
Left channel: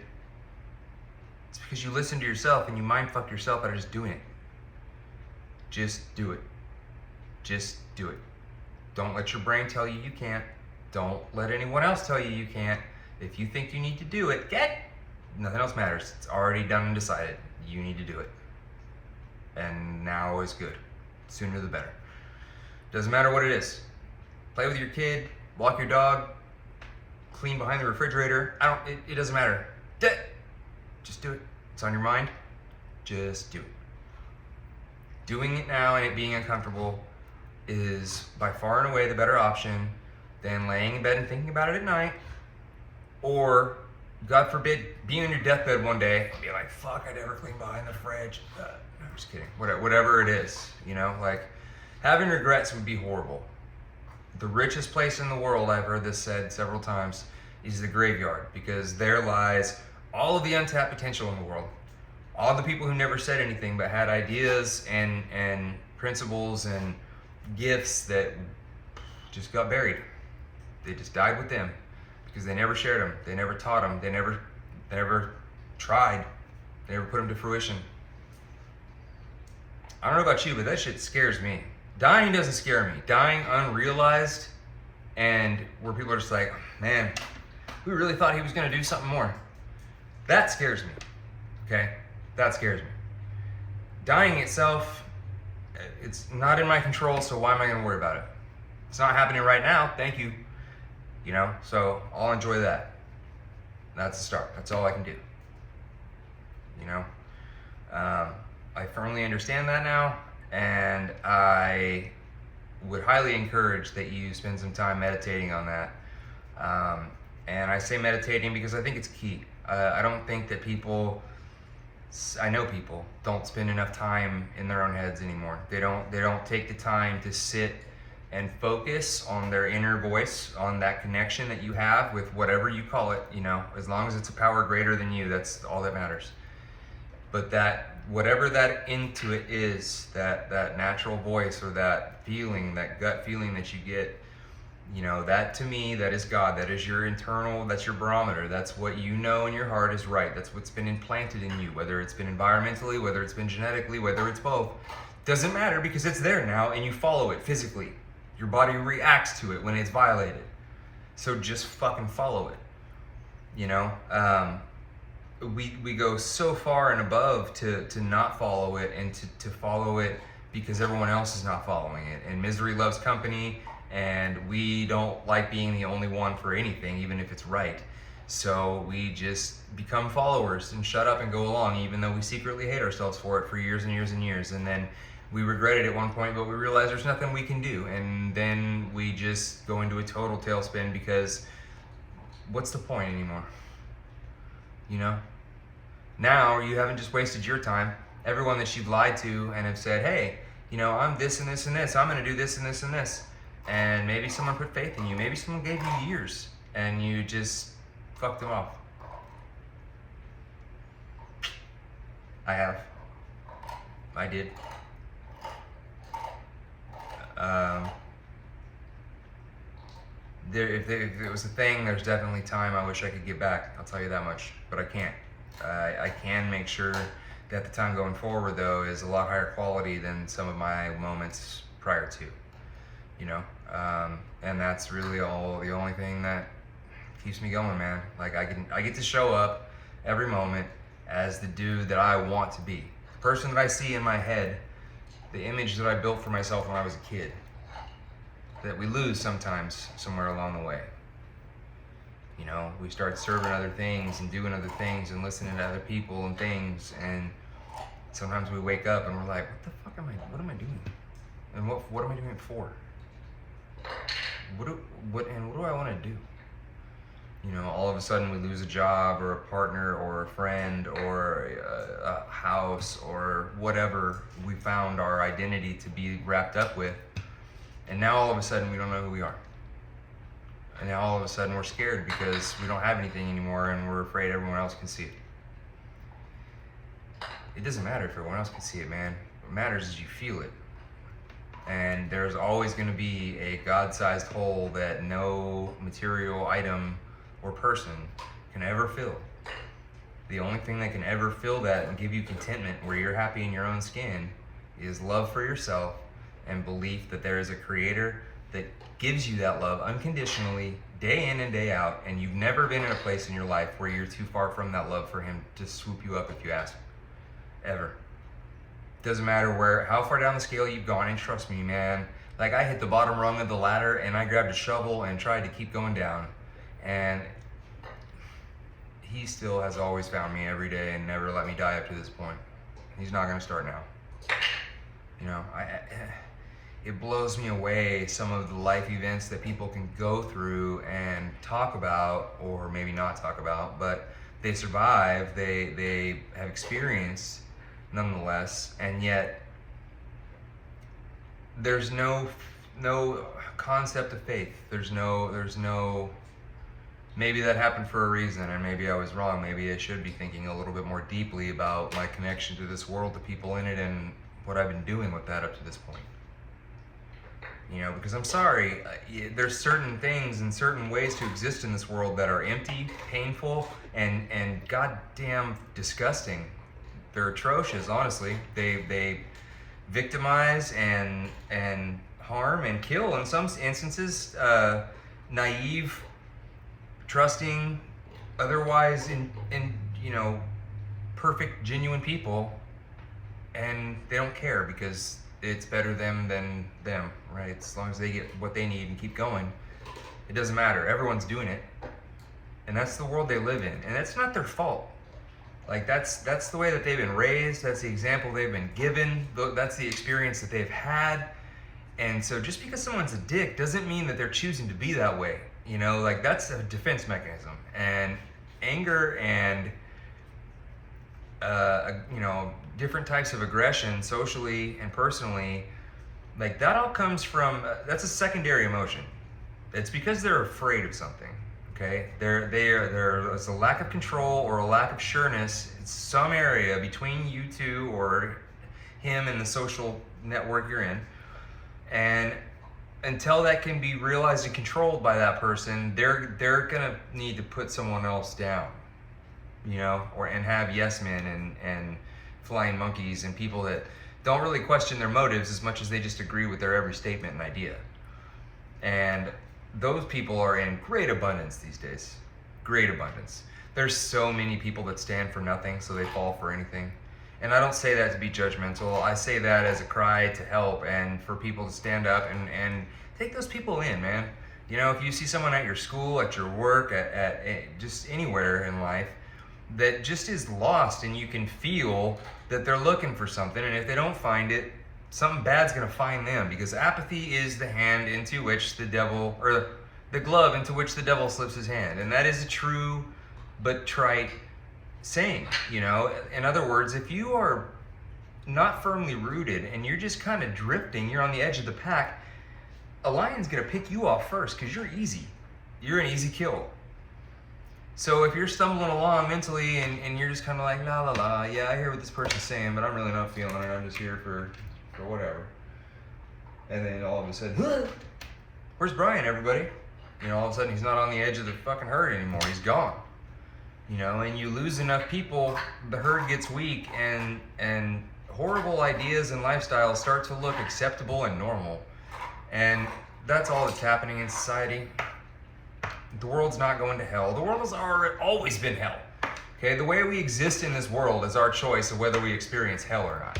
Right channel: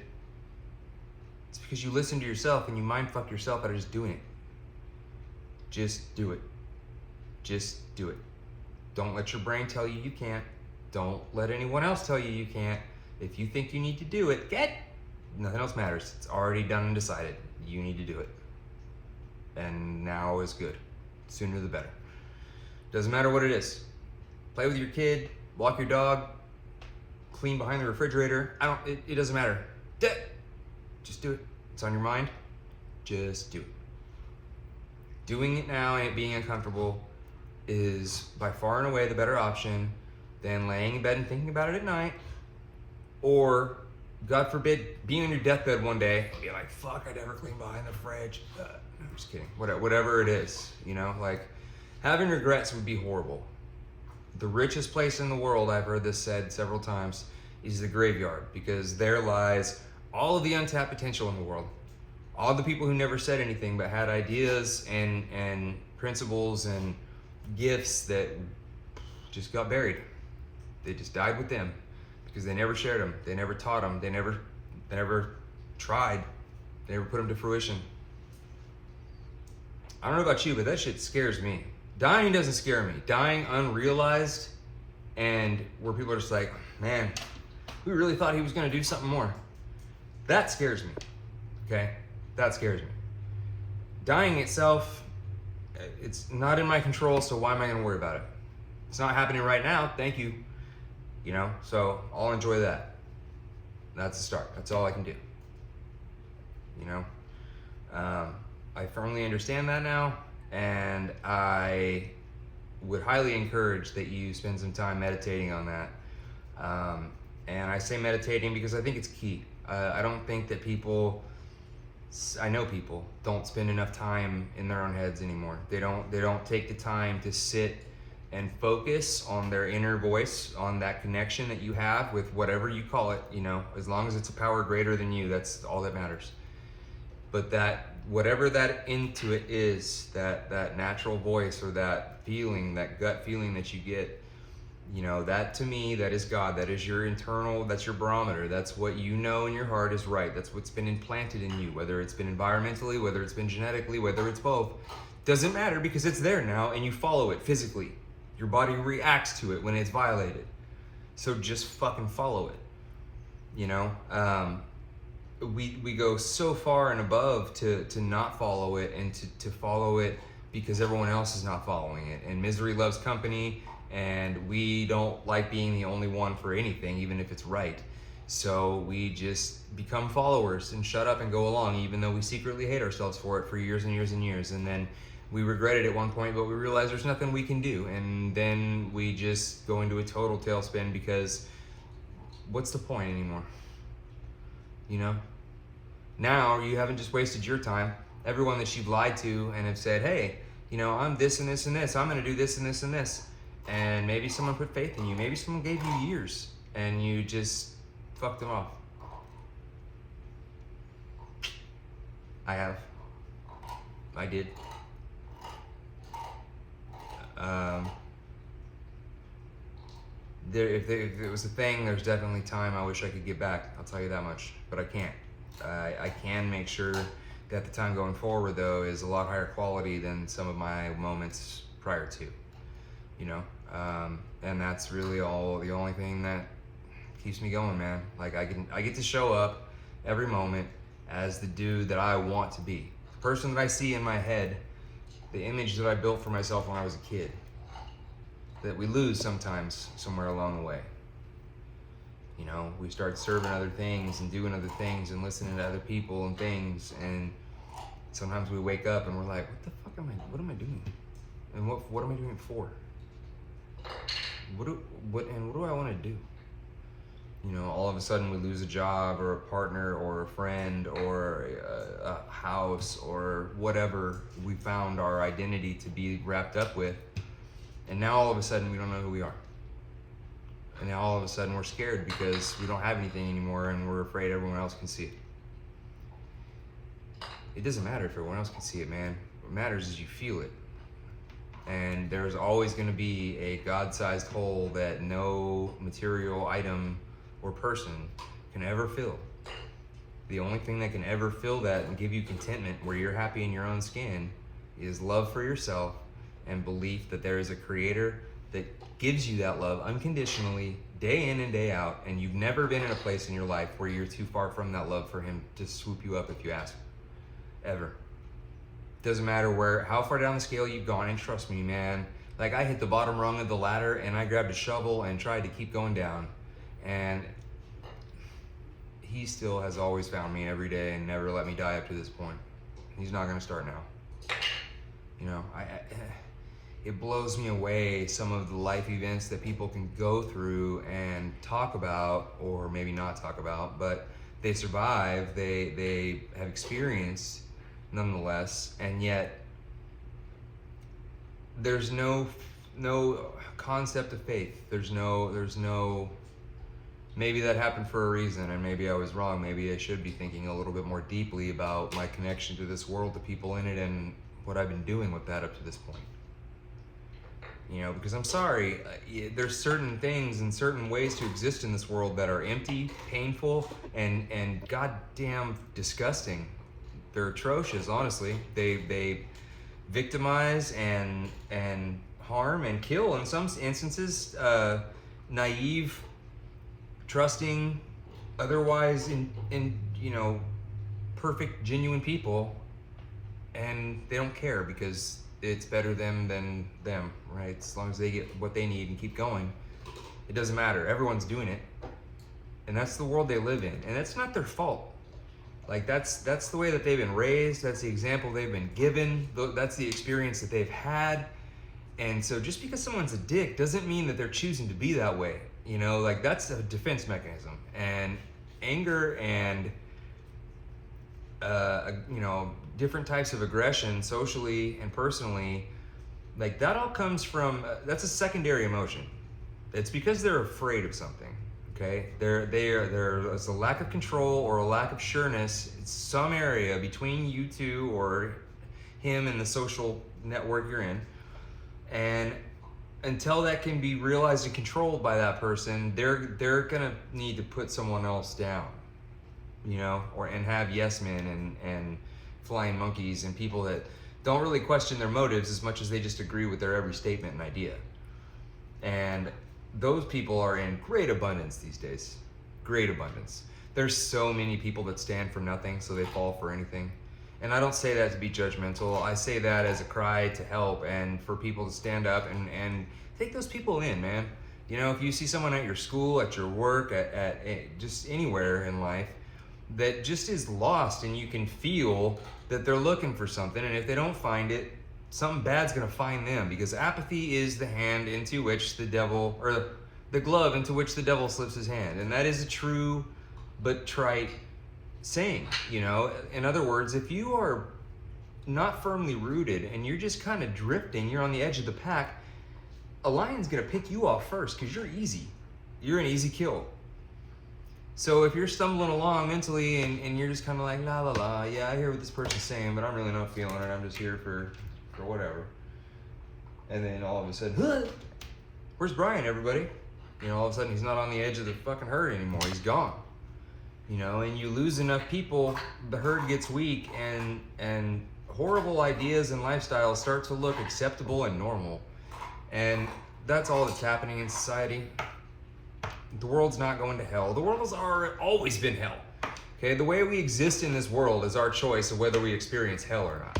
It's because you listened to yourself and you mind fucked yourself out of just doing it. Just do it. Just do it. Don't let your brain tell you you can't. Don't let anyone else tell you you can't. If you think you need to do it, nothing else matters. It's already done and decided. You need to do it. And now is good. Sooner the better. Doesn't matter what it is. Play with your kid, walk your dog, clean behind the refrigerator. It doesn't matter. Just do it. It's on your mind. Just do it. Doing it now and it being uncomfortable is by far and away the better option than laying in bed and thinking about it at night, or, God forbid, being on your deathbed one day and be like, fuck, I never cleaned behind the fridge. I'm just kidding. Whatever it is, you know, like, having regrets would be horrible. The richest place in the world, I've heard this said several times, is the graveyard, because there lies all of the untapped potential in the world. All the people who never said anything but had ideas and principles and gifts that just got buried. They just died with them because they never shared them. They never taught them. They never tried. They never put them to fruition. I don't know about you, but that shit scares me. Dying doesn't scare me. Dying unrealized, and where people are just like, man, we really thought he was gonna do something more. That scares me, okay? That scares me. Dying itself, it's not in my control, so why am I gonna worry about it? It's not happening right now, thank you. You know, so I'll enjoy that. That's a start, that's all I can do. You know? I firmly understand that now, And I would highly encourage that you spend some time meditating on that. And I say meditating because I think it's key. I don't think that I know people don't spend enough time in their own heads anymore. They don't take the time to sit and focus on their inner voice, on that connection that you have with whatever you call it, as long as it's a power greater than you, that's all that matters. But that, whatever that intuit is, that natural voice or that feeling, that gut feeling that you get, that to me, that is God. That is your internal, that's your barometer. That's what you know in your heart is right. That's what's been implanted in you, whether it's been environmentally, whether it's been genetically, whether it's both. Doesn't matter, because it's there now and you follow it physically. Your body reacts to it when it's violated. So just fucking follow it. We go so far and above to not follow it, and to follow it because everyone else is not following it. And misery loves company, and we don't like being the only one for anything, even if it's right. So we just become followers and shut up and go along, even though we secretly hate ourselves for it for years and years and years. And then we regret it at one point, but we realize there's nothing we can do. And then we just go into a total tailspin, because what's the point anymore? Now you haven't just wasted your time. Everyone that you've lied to and have said, hey, I'm this and this and this. I'm going to do this and this and this. And maybe someone put faith in you. Maybe someone gave you years and you just fucked them off. I have. I did. If it was a thing, there's definitely time I wish I could get back. I'll tell you that much, but I can't. I can make sure that the time going forward, though, is a lot higher quality than some of my moments prior to, and that's really the only thing that keeps me going, man. Like, I get to show up every moment as the dude that I want to be, the person that I see in my head, the image that I built for myself when I was a kid, that we lose sometimes somewhere along the way. We start serving other things and doing other things and listening to other people and things, and sometimes we wake up and we're like, what am I doing? And what am I doing it for? What do I want to do? All of a sudden we lose a job or a partner or a friend or a house or whatever we found our identity to be wrapped up with. And now all of a sudden we don't know who we are. And now all of a sudden we're scared because we don't have anything anymore, and we're afraid everyone else can see it. It doesn't matter if everyone else can see it, man. What matters is you feel it. And there's always going to be a God-sized hole that no material item or person can ever fill. The only thing that can ever fill that and give you contentment where you're happy in your own skin is love for yourself and belief that there is a creator that gives you that love unconditionally, day in and day out, and you've never been in a place in your life where you're too far from that love for him to swoop you up if you ask. Ever. Doesn't matter how far down the scale you've gone, and trust me, man, like, I hit the bottom rung of the ladder and I grabbed a shovel and tried to keep going down, and he still has always found me every day and never let me die up to this point. He's not gonna start now. It blows me away, some of the life events that people can go through and talk about, or maybe not talk about, but they survive, they have experienced nonetheless, and yet there's no concept of faith. There's no, maybe that happened for a reason, and maybe I was wrong. Maybe I should be thinking a little bit more deeply about my connection to this world, the people in it, and what I've been doing with that up to this point. Because I'm sorry, there's certain things and certain ways to exist in this world that are empty, painful, and goddamn disgusting. They're atrocious, honestly. They victimize and harm and kill, in some instances, naive, trusting, otherwise in perfect, genuine people, and they don't care because it's better them than them, right? As long as they get what they need and keep going, it doesn't matter. Everyone's doing it, and that's the world they live in, and that's not their fault. Like that's the way that they've been raised. That's the example they've been given. That's the experience that they've had. And so just because someone's a dick doesn't mean that they're choosing to be that way. You know, like that's a defense mechanism. And anger and you know, different types of aggression, socially and personally, like that all comes from that's a secondary emotion. It's because they're afraid of something. Okay, there's a lack of control or a lack of sureness in some area between you two or him and the social network you're in, and until that can be realized and controlled by that person, they're gonna need to put someone else down, you know, and have yes men and flying monkeys and people that don't really question their motives as much as they just agree with their every statement and idea. And those people are in great abundance these days. Great abundance. There's so many people that stand for nothing, so they fall for anything. And I don't say that to be judgmental. I say that as a cry to help and for people to stand up and take those people in, man. You know, if you see someone at your school, at your work, at just anywhere in life that just is lost, and you can feel that they're looking for something, and if they don't find it, something bad's gonna find them, because apathy is the hand into which the devil, or the glove into which the devil slips his hand. And that is a true but trite saying, you know. In other words, if you are not firmly rooted and you're just kind of drifting, you're on the edge of the pack, a lion's gonna pick you off first because you're easy. You're an easy kill. So if you're stumbling along mentally and you're just kind of like, la la la, yeah, I hear what this person's saying, but I'm really not feeling it. I'm just here for whatever. And then all of a sudden, where's Brian, everybody? You know, all of a sudden he's not on the edge of the fucking herd anymore. He's gone. You know, and you lose enough people, the herd gets weak, and horrible ideas and lifestyles start to look acceptable and normal. And that's all that's happening in society. The world's not going to hell. The world has always been hell. Okay, the way we exist in this world is our choice of whether we experience hell or not.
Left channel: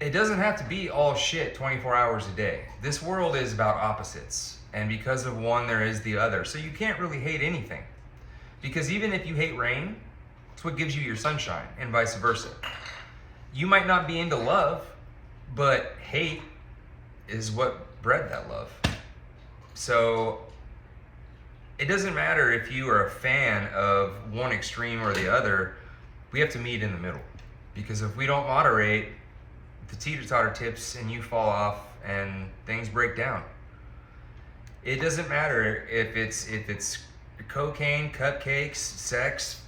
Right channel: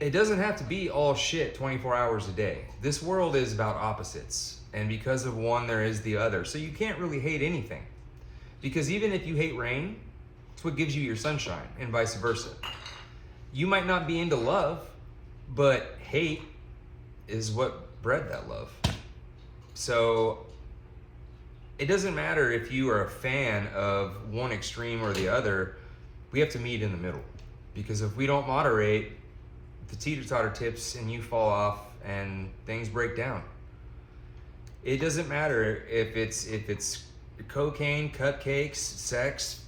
It doesn't have to be all shit 24 hours a day. This world is about opposites. And because of one, there is the other. So you can't really hate anything. Because even if you hate rain, it's what gives you your sunshine, and vice versa. You might not be into love, but hate is what bred that love. So it doesn't matter if you are a fan of one extreme or the other. We have to meet in the middle. Because if we don't moderate, the teeter-totter tips and you fall off and things break down. It doesn't matter if it's cocaine, cupcakes, sex,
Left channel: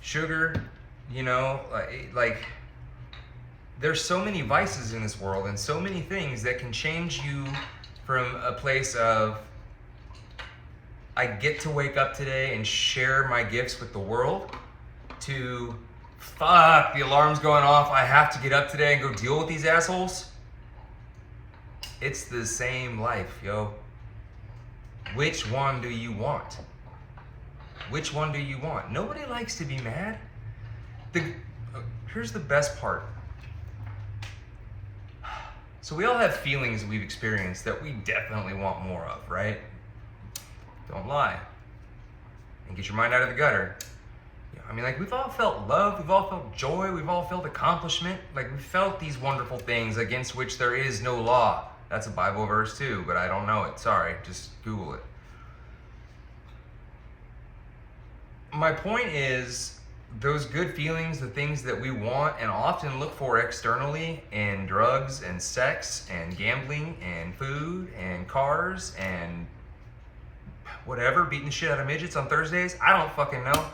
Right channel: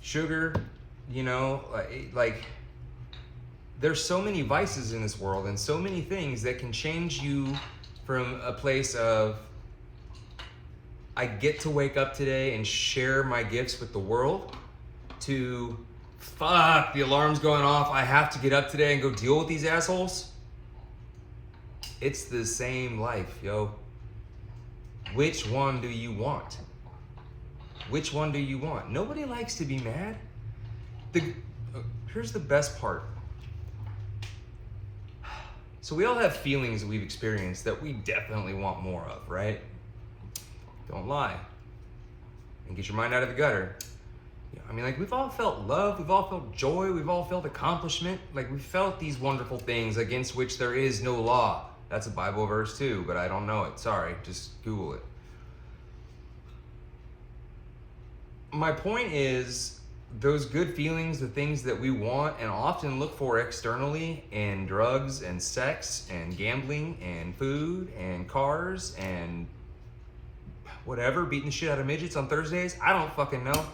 sugar, you know, like there's so many vices in this world and so many things that can change you from a place of, I get to wake up today and share my gifts with the world, to, fuck, the alarm's going off, I have to get up today and go deal with these assholes. It's the same life, yo. Which one do you want? Which one do you want? Nobody likes to be mad. Here's the best part. So we all have feelings that we've experienced that we definitely want more of, right? Don't lie. And get your mind out of the gutter. I mean, like, we've all felt love, we've all felt joy, we've all felt accomplishment. Like, we've felt these wonderful things against which there is no law. That's a Bible verse too, but I don't know it. Sorry, just Google it. My point is, those good feelings, the things that we want and often look for externally in drugs and sex and gambling and food and cars and whatever, beating the shit out of midgets on Thursdays, I don't fucking know.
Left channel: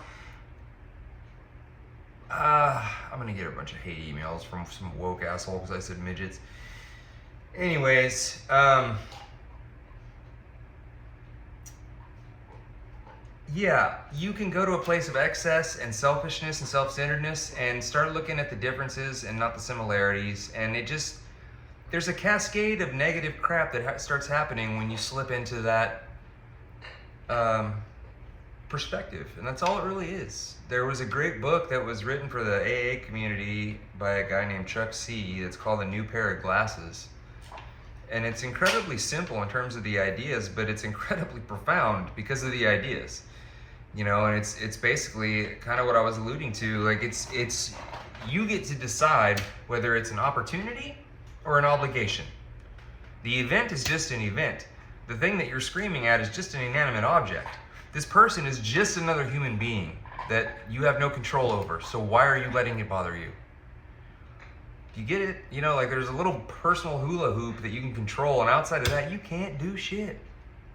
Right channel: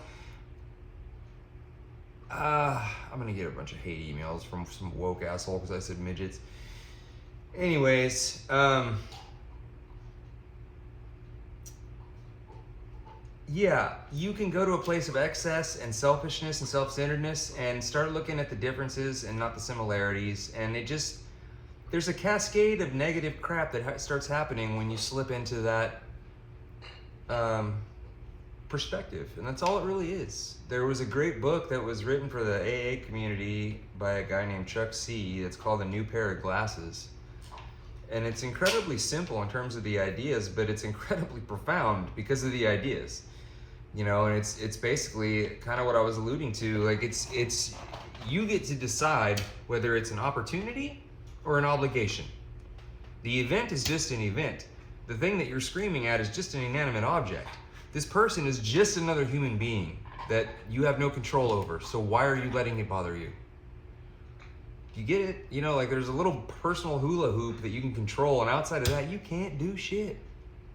I'm gonna get a bunch of hate emails from some woke asshole because I said midgets. Anyways, yeah, you can go to a place of excess and selfishness and self-centeredness and start looking at the differences and not the similarities, and it just, there's a cascade of negative crap that starts happening when you slip into that perspective, and that's all it really is. There was a great book that was written for the AA community by a guy named Chuck C. That's called A New Pair of Glasses. And it's incredibly simple in terms of the ideas, but it's incredibly profound because of the ideas. you know, and it's basically kind of what I was alluding to. Like it's you get to decide whether it's an opportunity or an obligation. The event is just an event. The thing that you're screaming at is just an inanimate object. This person is just another human being that you have no control over. So why are you letting it bother you? You get it? You know, like there's a little personal hula hoop that you can control, and outside of that, you can't do shit.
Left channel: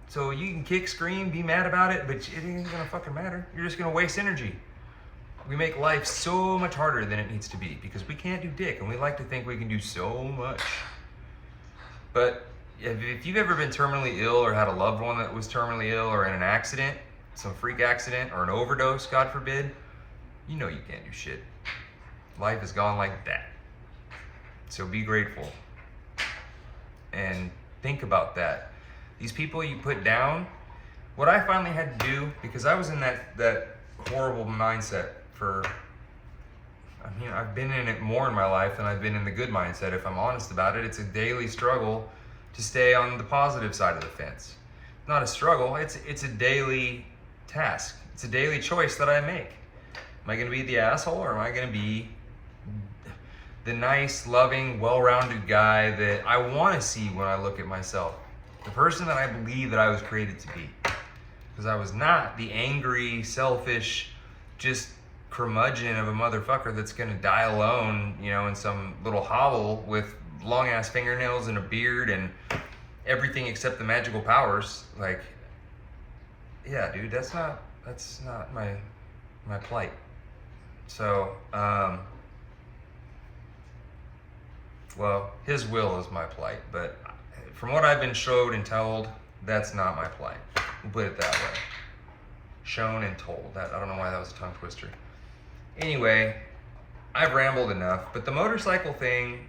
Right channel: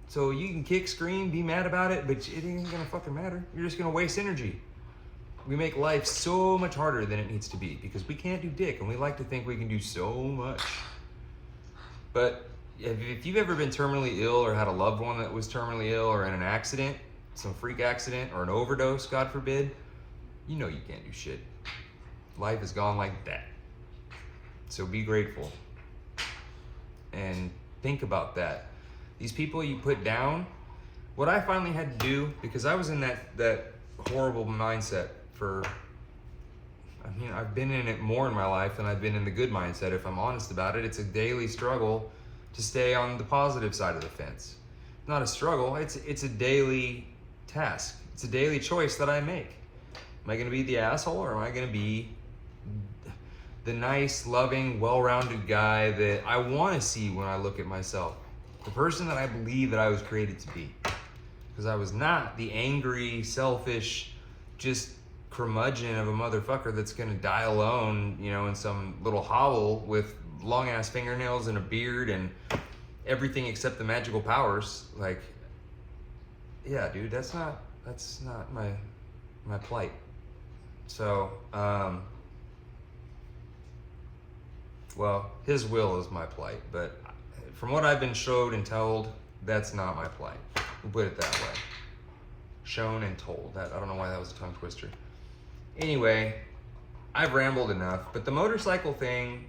So you can kick, scream, be mad about it, but it ain't gonna fucking matter. You're just gonna waste energy. We make life so much harder than it needs to be because we can't do dick, and we like to think we can do so much. But if you've ever been terminally ill or had a loved one that was terminally ill or in an accident, some freak accident or an overdose, God forbid, you know you can't do shit. Life is gone like that. So be grateful and think about that. These people you put down, what I finally had to do, because I was in that horrible mindset for, I mean, I've been in it more in my life than I've been in the good mindset. If I'm honest about it, it's a daily struggle to stay on the positive side of the fence. Not a struggle, it's a daily task. It's a daily choice that I make. Am I gonna be the asshole, or am I gonna be the nice, loving, well-rounded guy that I wanna see when I look at myself? The person that I believe that I was created to be. Because I was not the angry, selfish, just curmudgeon of a motherfucker that's gonna die alone, you know, in some little hovel with long ass fingernails and a beard and everything except the magical powers. Like, yeah, dude, that's not my plight. So, well, his will is my plight, but from what I've been showed and told, that's not my plight. We'll put it that way. Shown and told. That, I don't know why that was a tongue twister. Anyway, I've rambled enough, but the motorcycle thing,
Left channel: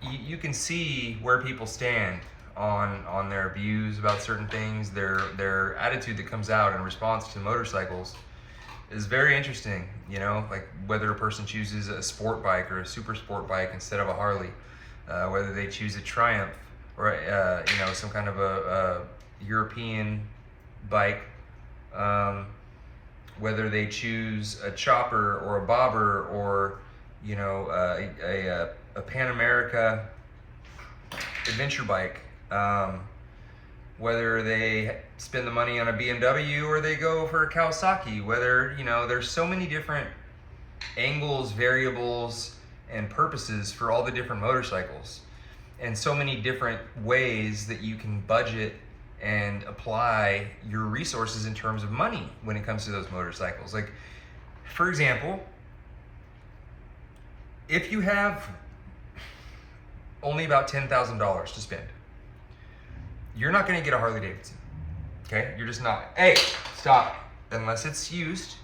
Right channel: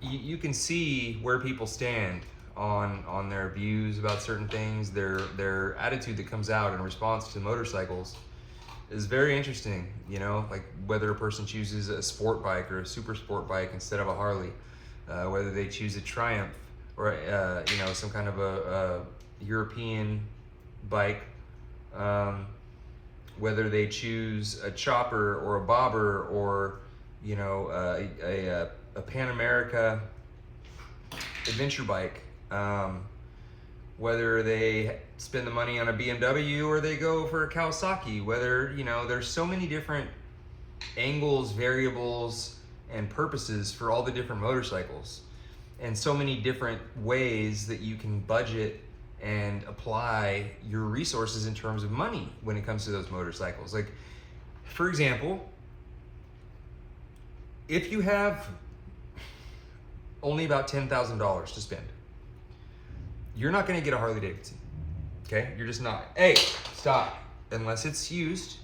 you can see where people stand on their views about certain things. Their attitude that comes out in response to motorcycles is very interesting. You know, like whether a person chooses a sport bike or a super sport bike instead of a Harley, whether they choose a Triumph or you know, some kind of a European bike, whether they choose a chopper or a bobber or, you know, a Pan America adventure bike, whether they spend the money on a BMW or they go for a Kawasaki, whether, you know, there's so many different angles, variables, and purposes for all the different motorcycles, and so many different ways that you can budget and apply your resources in terms of money when it comes to those motorcycles. Like, for example, if you have only about $10,000 to spend, you're not gonna get a Harley Davidson, okay? You're just not. Hey, stop. Unless it's used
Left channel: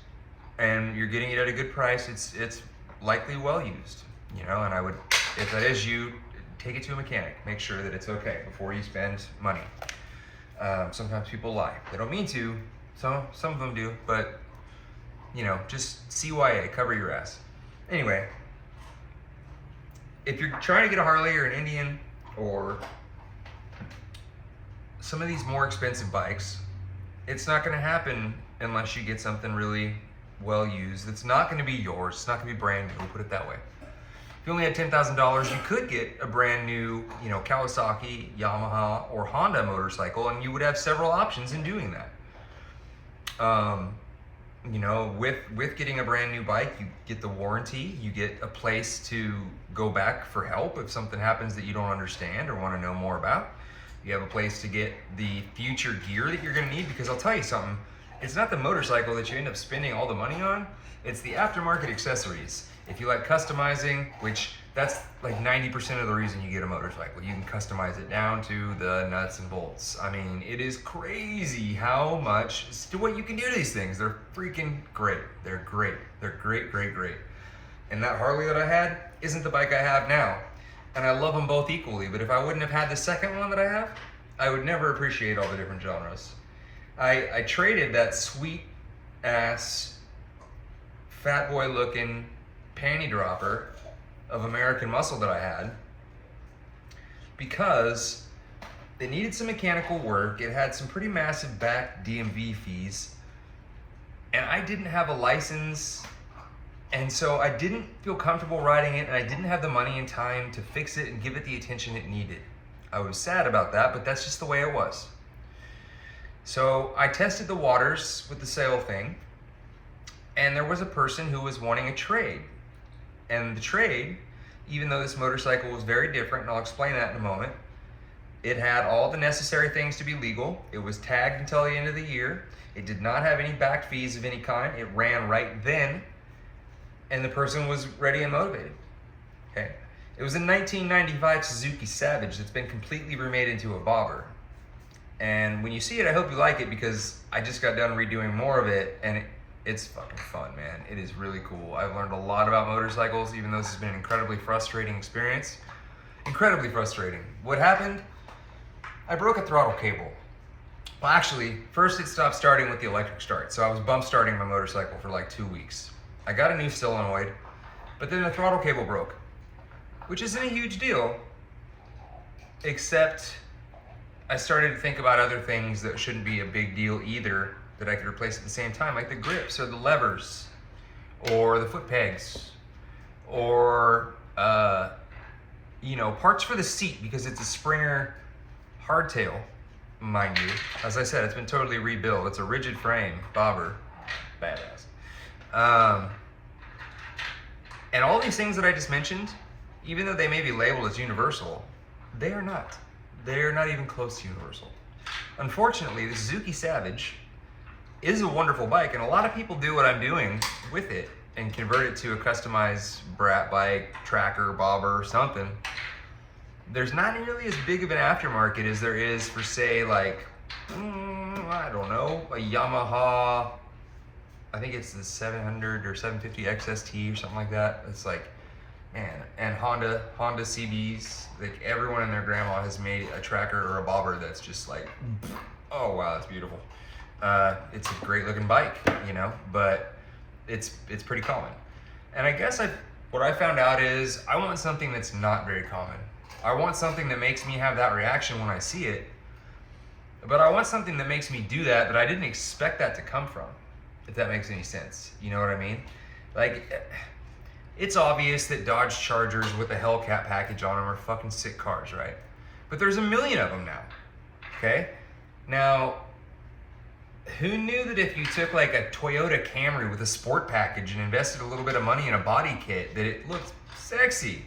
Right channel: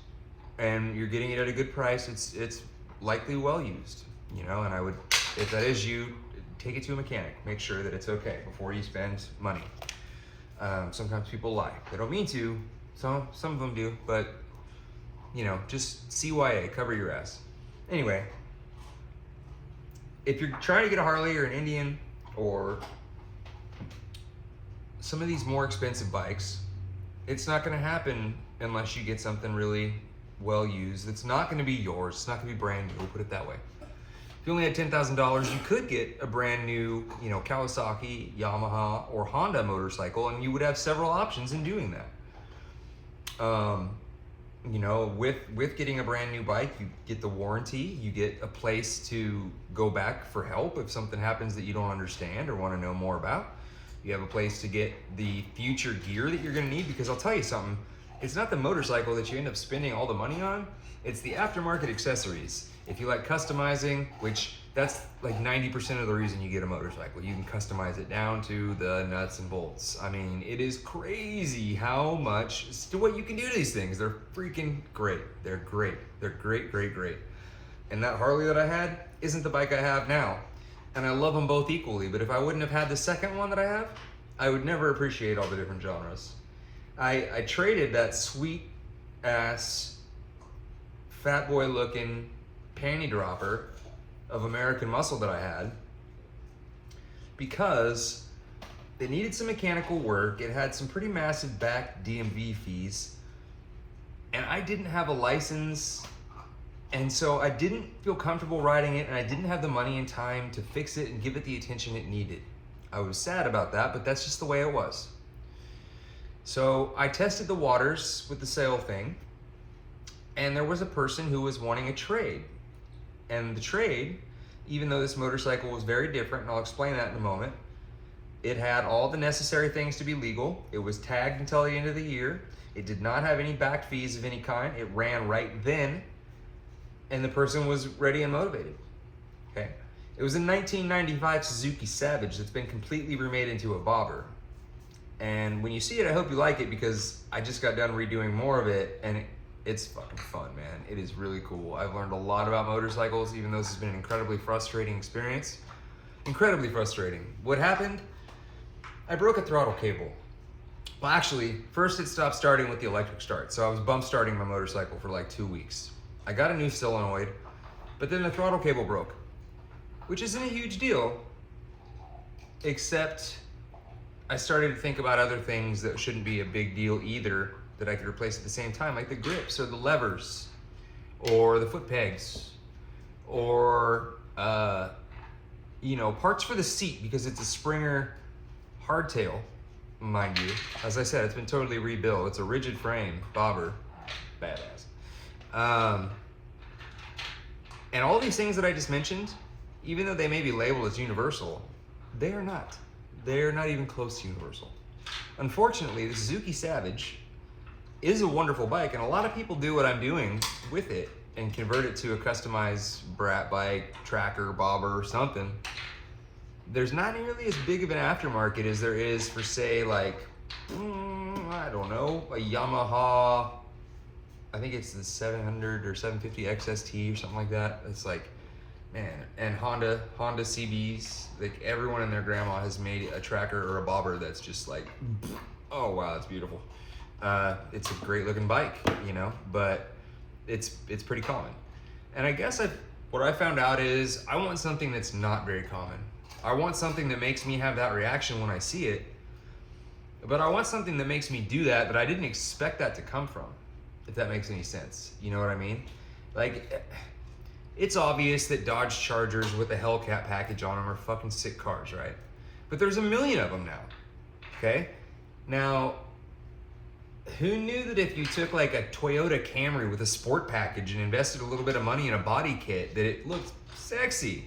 and you're getting it at a good price, it's likely well used, you know, and I would, if that is you, take it to a mechanic. Make sure that it's okay before you spend money. Sometimes people lie. They don't mean to, some of them do, but, you know, just CYA, cover your ass. Anyway, if you're trying to get a Harley or an Indian or some of these more expensive bikes, it's not gonna happen unless you get something really well used. It's not gonna be yours, it's not gonna be brand new, we'll put it that way. If you only had $10,000, you could get a brand new, you know, Kawasaki, Yamaha, or Honda motorcycle, and you would have several options in doing that. You know, with getting a brand new bike, you get the warranty, you get a place to go back for help if something happens that you don't understand or want to know more about. You have a place to get the future gear that you're gonna need, because I'll tell you something, it's not the motorcycle that you end up spending all the money on, it's the aftermarket accessories. If you like customizing, which that's like 90% of the reason you get a motorcycle. You can customize it down to the nuts and bolts. I mean, it is crazy how much, what you can do to these things. They're freaking great. They're great. They're great, great, great. And that Harley that I had isn't the bike I have now. And I love them both equally, but if I wouldn't have had the second one that I have, I would never appreciate all the different genres. I traded that sweet ass, fat boy looking panty dropper of American Muscle that I had because it needed some mechanical work. It had some pretty massive back DMV fees, and I didn't have a license, and so I didn't feel comfortable riding it, and I didn't have the money and time to fix it and give it the attention it needed. I was sad about that, but that's just the way it was. So I tested the waters with the sale thing, and there was a person who was wanting a trade. And the trade, even though this motorcycle was very different, and I'll explain that in a moment, it had all the necessary things to be legal. It was tagged until the end of the year. It did not have any back fees of any kind. It ran right then, and the person was ready and motivated. Okay. It was a 1995 Suzuki Savage that's been completely remade into a bobber. And when you see it, I hope you like it, because I just got done redoing more of it, and it's fucking fun, man. It is really cool. I've learned a lot about motorcycles, even though this has been an incredibly frustrating experience. Incredibly frustrating. What happened? I broke a throttle cable. Well, actually, first it stopped starting with the electric start, so I was bump starting my motorcycle for like 2 weeks. I got a new solenoid, but then the throttle cable broke, which isn't a huge deal, except I started to think about other things that shouldn't be a big deal either, that I could replace at the same time, like the grips or the levers or the foot pegs or parts for the seat, because it's a Springer hardtail, mind you. As I said, it's been totally rebuilt. It's a rigid frame bobber, badass. And all these things that I just mentioned, even though they may be labeled as universal, they are not. They're not even close to universal. Unfortunately, the Suzuki Savage is a wonderful bike, and a lot of people do what I'm doing with it and convert it to a customized brat bike, tracker, bobber, something. There's not nearly as big of an aftermarket as there is for, say, like, I don't know, a Yamaha, I think it's the 700 or 750 XST or something like that. It's like, man, and Honda CBs, like everyone and their grandma has made a tracker or a bobber that's just like, oh wow, that's beautiful. It's a great looking bike, but it's pretty common. And I guess what I found out is I want something that's not very common. I want something that makes me have that reaction when I see it, but I want something that makes me do that, but I didn't expect that to come from, if that makes any sense. You know what I mean? Like, it's obvious that Dodge Chargers with a Hellcat package on them are fucking sick cars, right? But there's a million of them now, okay? Now, who knew that if you took like a Toyota Camry with a sport package and invested a little bit of money in a body kit, that it looked sexy?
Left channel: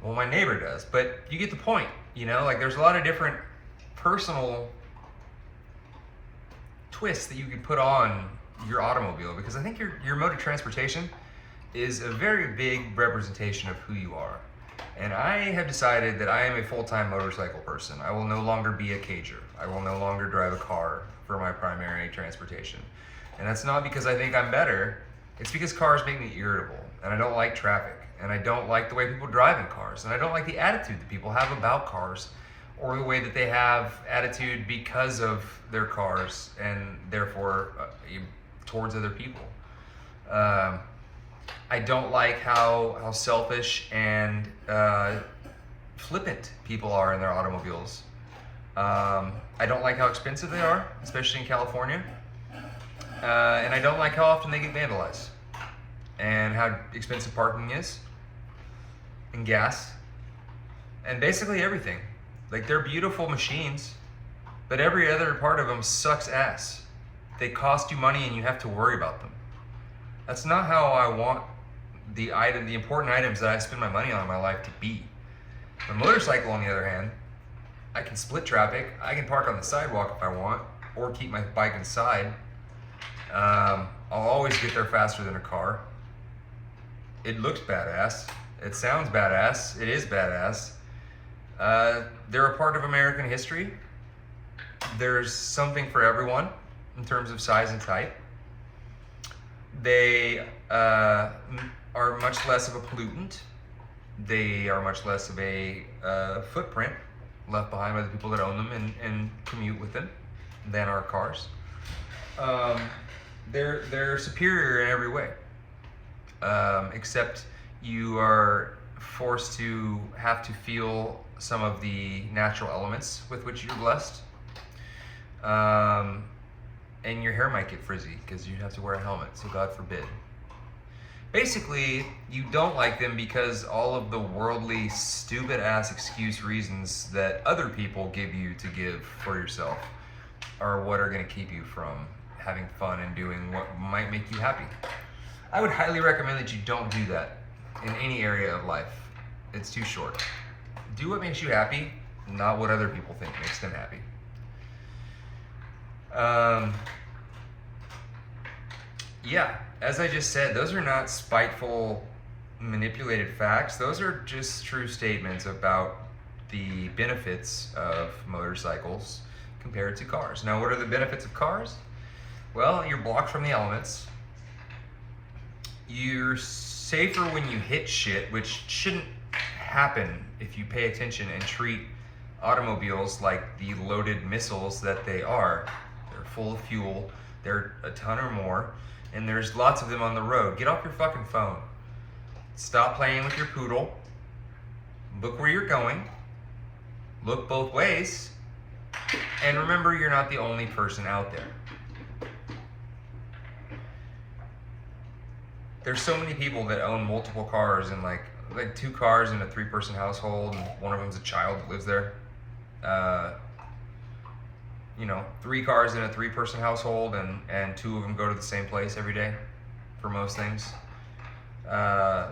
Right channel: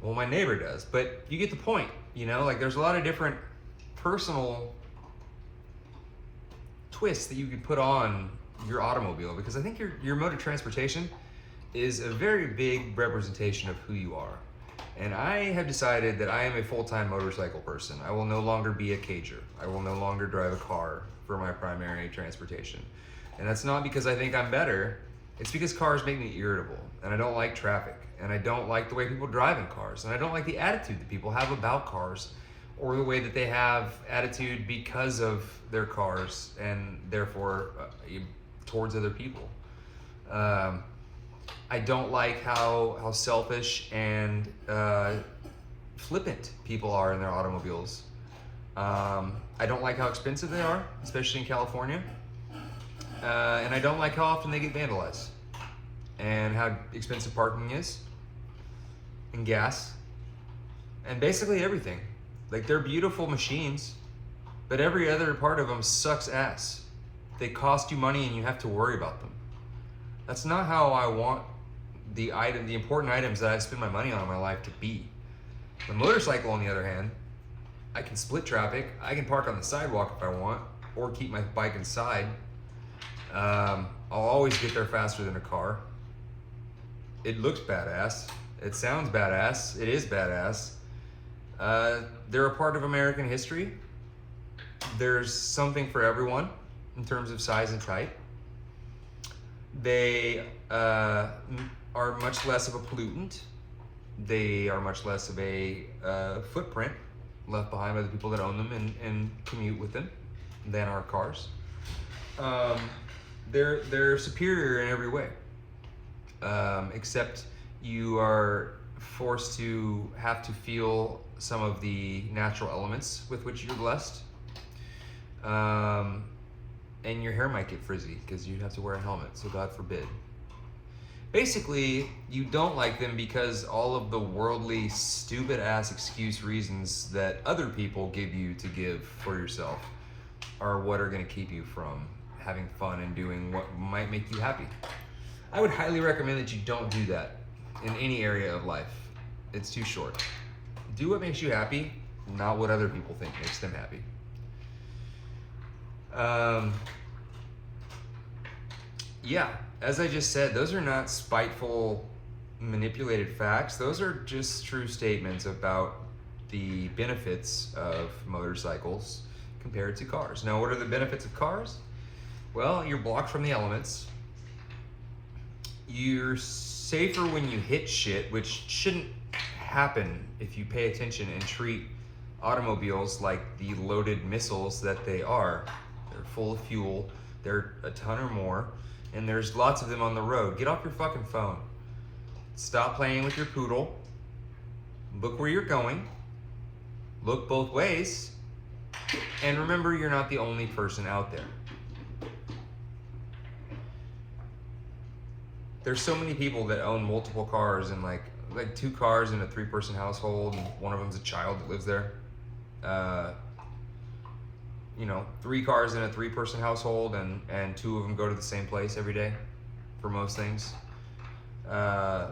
Well, my neighbor does, but you get the point, Like, there's a lot of different personal twists that you can put on your automobile, because I think your mode of transportation is a very big representation of who you are. And I have decided that I am a full-time motorcycle person. I will no longer be a cager. I will no longer drive a car for my primary transportation. And that's not because I think I'm better. It's because cars make me irritable, and I don't like traffic, and I don't like the way people drive in cars, and I don't like the attitude that people have about cars, or the way that they have attitude because of their cars, and therefore towards other people. I don't like how selfish and flippant people are in their automobiles. I don't like how expensive they are, especially in California. And I don't like how often they get vandalized, and how expensive parking is, and gas, and basically everything. Like, they're beautiful machines, but every other part of them sucks ass. They cost you money and you have to worry about them. That's not how I want the important items that I spend my money on in my life to be. The motorcycle, on the other hand, I can split traffic. I can park on the sidewalk if I want, or keep my bike inside. I'll always get there faster than a car. It looks badass. It sounds badass. It is badass. They're a part of American history. There's something for everyone in terms of size and type. They are much less of a pollutant. They are much less of a footprint left behind by the people that own them and commute with them than our cars. They're superior in every way, except you are forced to have to feel some of the natural elements with which you're blessed. and your hair might get frizzy because you have to wear a helmet, so God forbid. Basically, you don't like them because all of the worldly, stupid-ass excuse reasons that other people give you to give for yourself are what are going to keep you from having fun and doing what might make you happy. I would highly recommend that you don't do that in any area of life. It's too short. Do what makes you happy, not what other people think makes them happy. Yeah, as I just said, those are not spiteful, manipulated facts. Those are just true statements about the benefits of motorcycles compared to cars. Now, what are the benefits of cars? Well, you're blocked from the elements. You're safer when you hit shit, which shouldn't happen if you pay attention and treat automobiles like the loaded missiles that they are. They're full of fuel. They're a ton or more. And there's lots of them on the road. Get off your fucking phone. Stop playing with your poodle. Look where you're going. Look both ways. And remember, you're not the only person out there. There's so many people that own multiple cars and like 2 cars in a 3-person household, and one of them's a child that lives there. 3 cars in a 3-person household, and 2 of them go to the same place every day for most things. 90%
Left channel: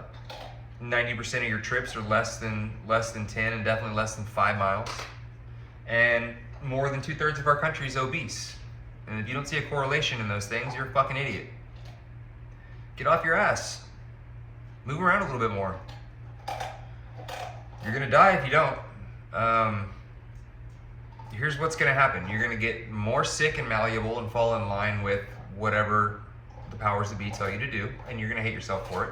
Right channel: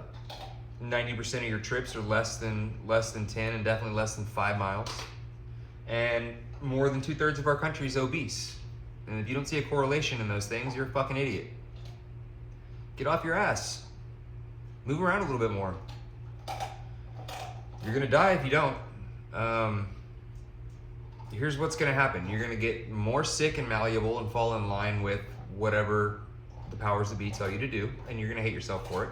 of your trips are less than 10 and definitely less than 5 miles. And more than 2/3 of our country is obese. And if you don't see a correlation in those things, you're a fucking idiot. Get off your ass. Move around a little bit more. You're gonna die if you don't. Here's what's gonna happen. You're gonna get more sick and malleable and fall in line with whatever the powers that be tell you to do, and you're gonna hate yourself for it.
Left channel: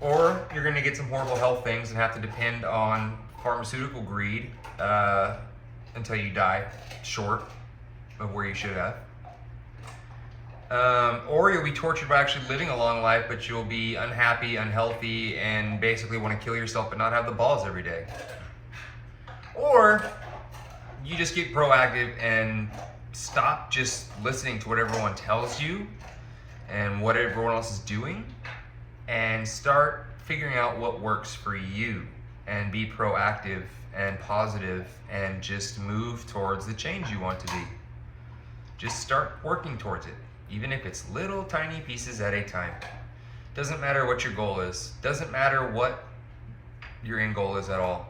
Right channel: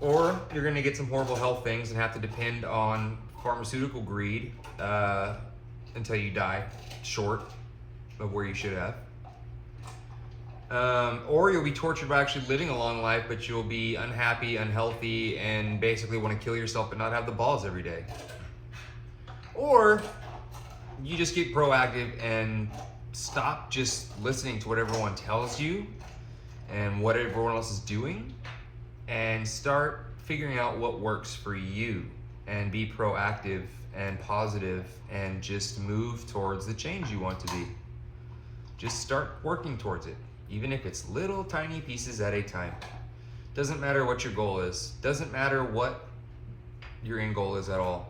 Or you're gonna get some horrible health things and have to depend on pharmaceutical greed until you die short of where you should have. Or you'll be tortured by actually living a long life, but you'll be unhappy, unhealthy, and basically want to kill yourself but not have the balls every day. Or you just get proactive and stop just listening to what everyone tells you and what everyone else is doing, and start figuring out what works for you and be proactive and positive and just move towards the change you want to be. Just start working towards it, even if it's little tiny pieces at a time. Doesn't matter what your goal is. Doesn't matter what your end goal is at all.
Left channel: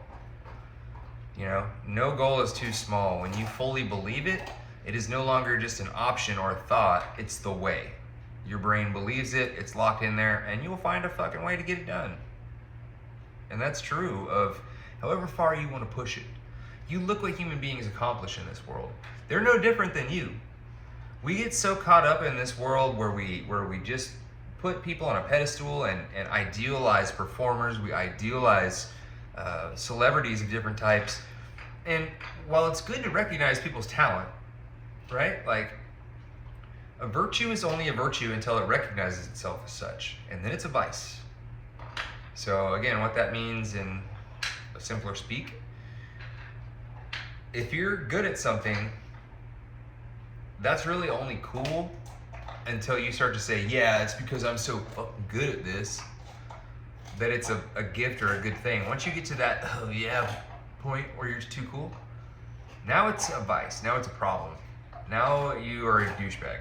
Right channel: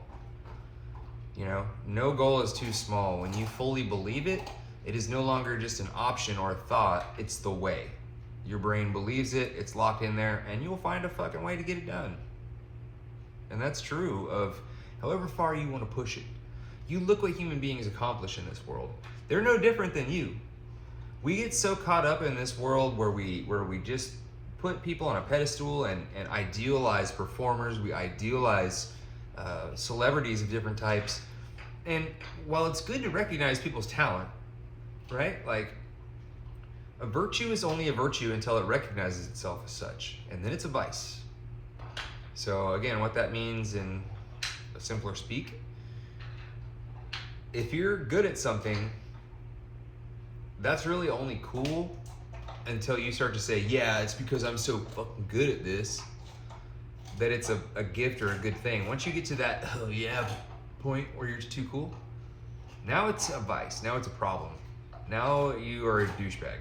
You know, no goal is too small. When you fully believe it, it is no longer just an option or a thought, it's the way. Your brain believes it, it's locked in there, and you'll find a fucking way to get it done. And that's true of however far you want to push it. You look what human beings accomplish in this world. They're no different than you. We get so caught up in this world where we just put people on a pedestal and idealize performers. We idealize celebrities of different types. And while it's good to recognize people's talent, right? Like, a virtue is only a virtue until it recognizes itself as such. And then it's a vice. So again, what that means in a simpler speak, if you're good at something, that's really only cool until you start to say, yeah, it's because I'm so fucking good at this, that it's a gift or a good thing. Once you get to that, oh yeah, point where you're too cool, now it's a vice, now it's a problem. Now you are a douchebag.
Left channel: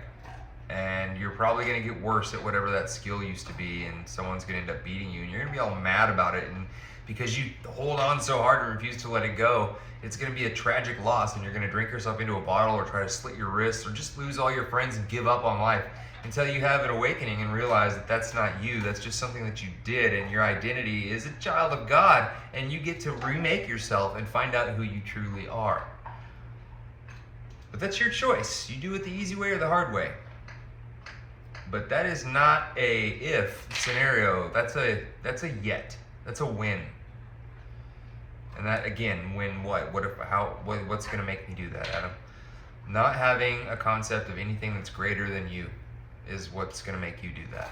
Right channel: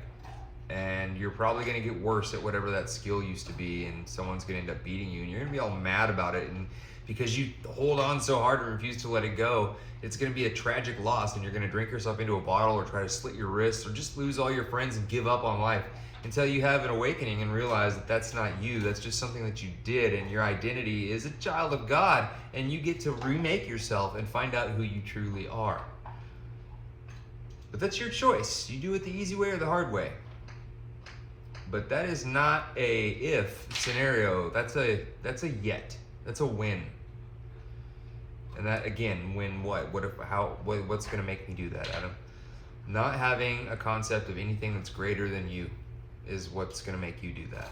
And you're probably gonna get worse at whatever that skill used to be, and someone's gonna end up beating you, and you're gonna be all mad about it, and because you hold on so hard and refuse to let it go, it's gonna be a tragic loss, and you're gonna drink yourself into a bottle or try to slit your wrists or just lose all your friends and give up on life until you have an awakening and realize that that's not you, that's just something that you did, and your identity is a child of God, and you get to remake yourself and find out who you truly are. But that's your choice. You do it the easy way or the hard way. But that is not a if scenario. That's a yet. That's a win. And that, again, win what? What's gonna make me do that, Adam? Not having a concept of anything that's greater than you is what's gonna make you do that.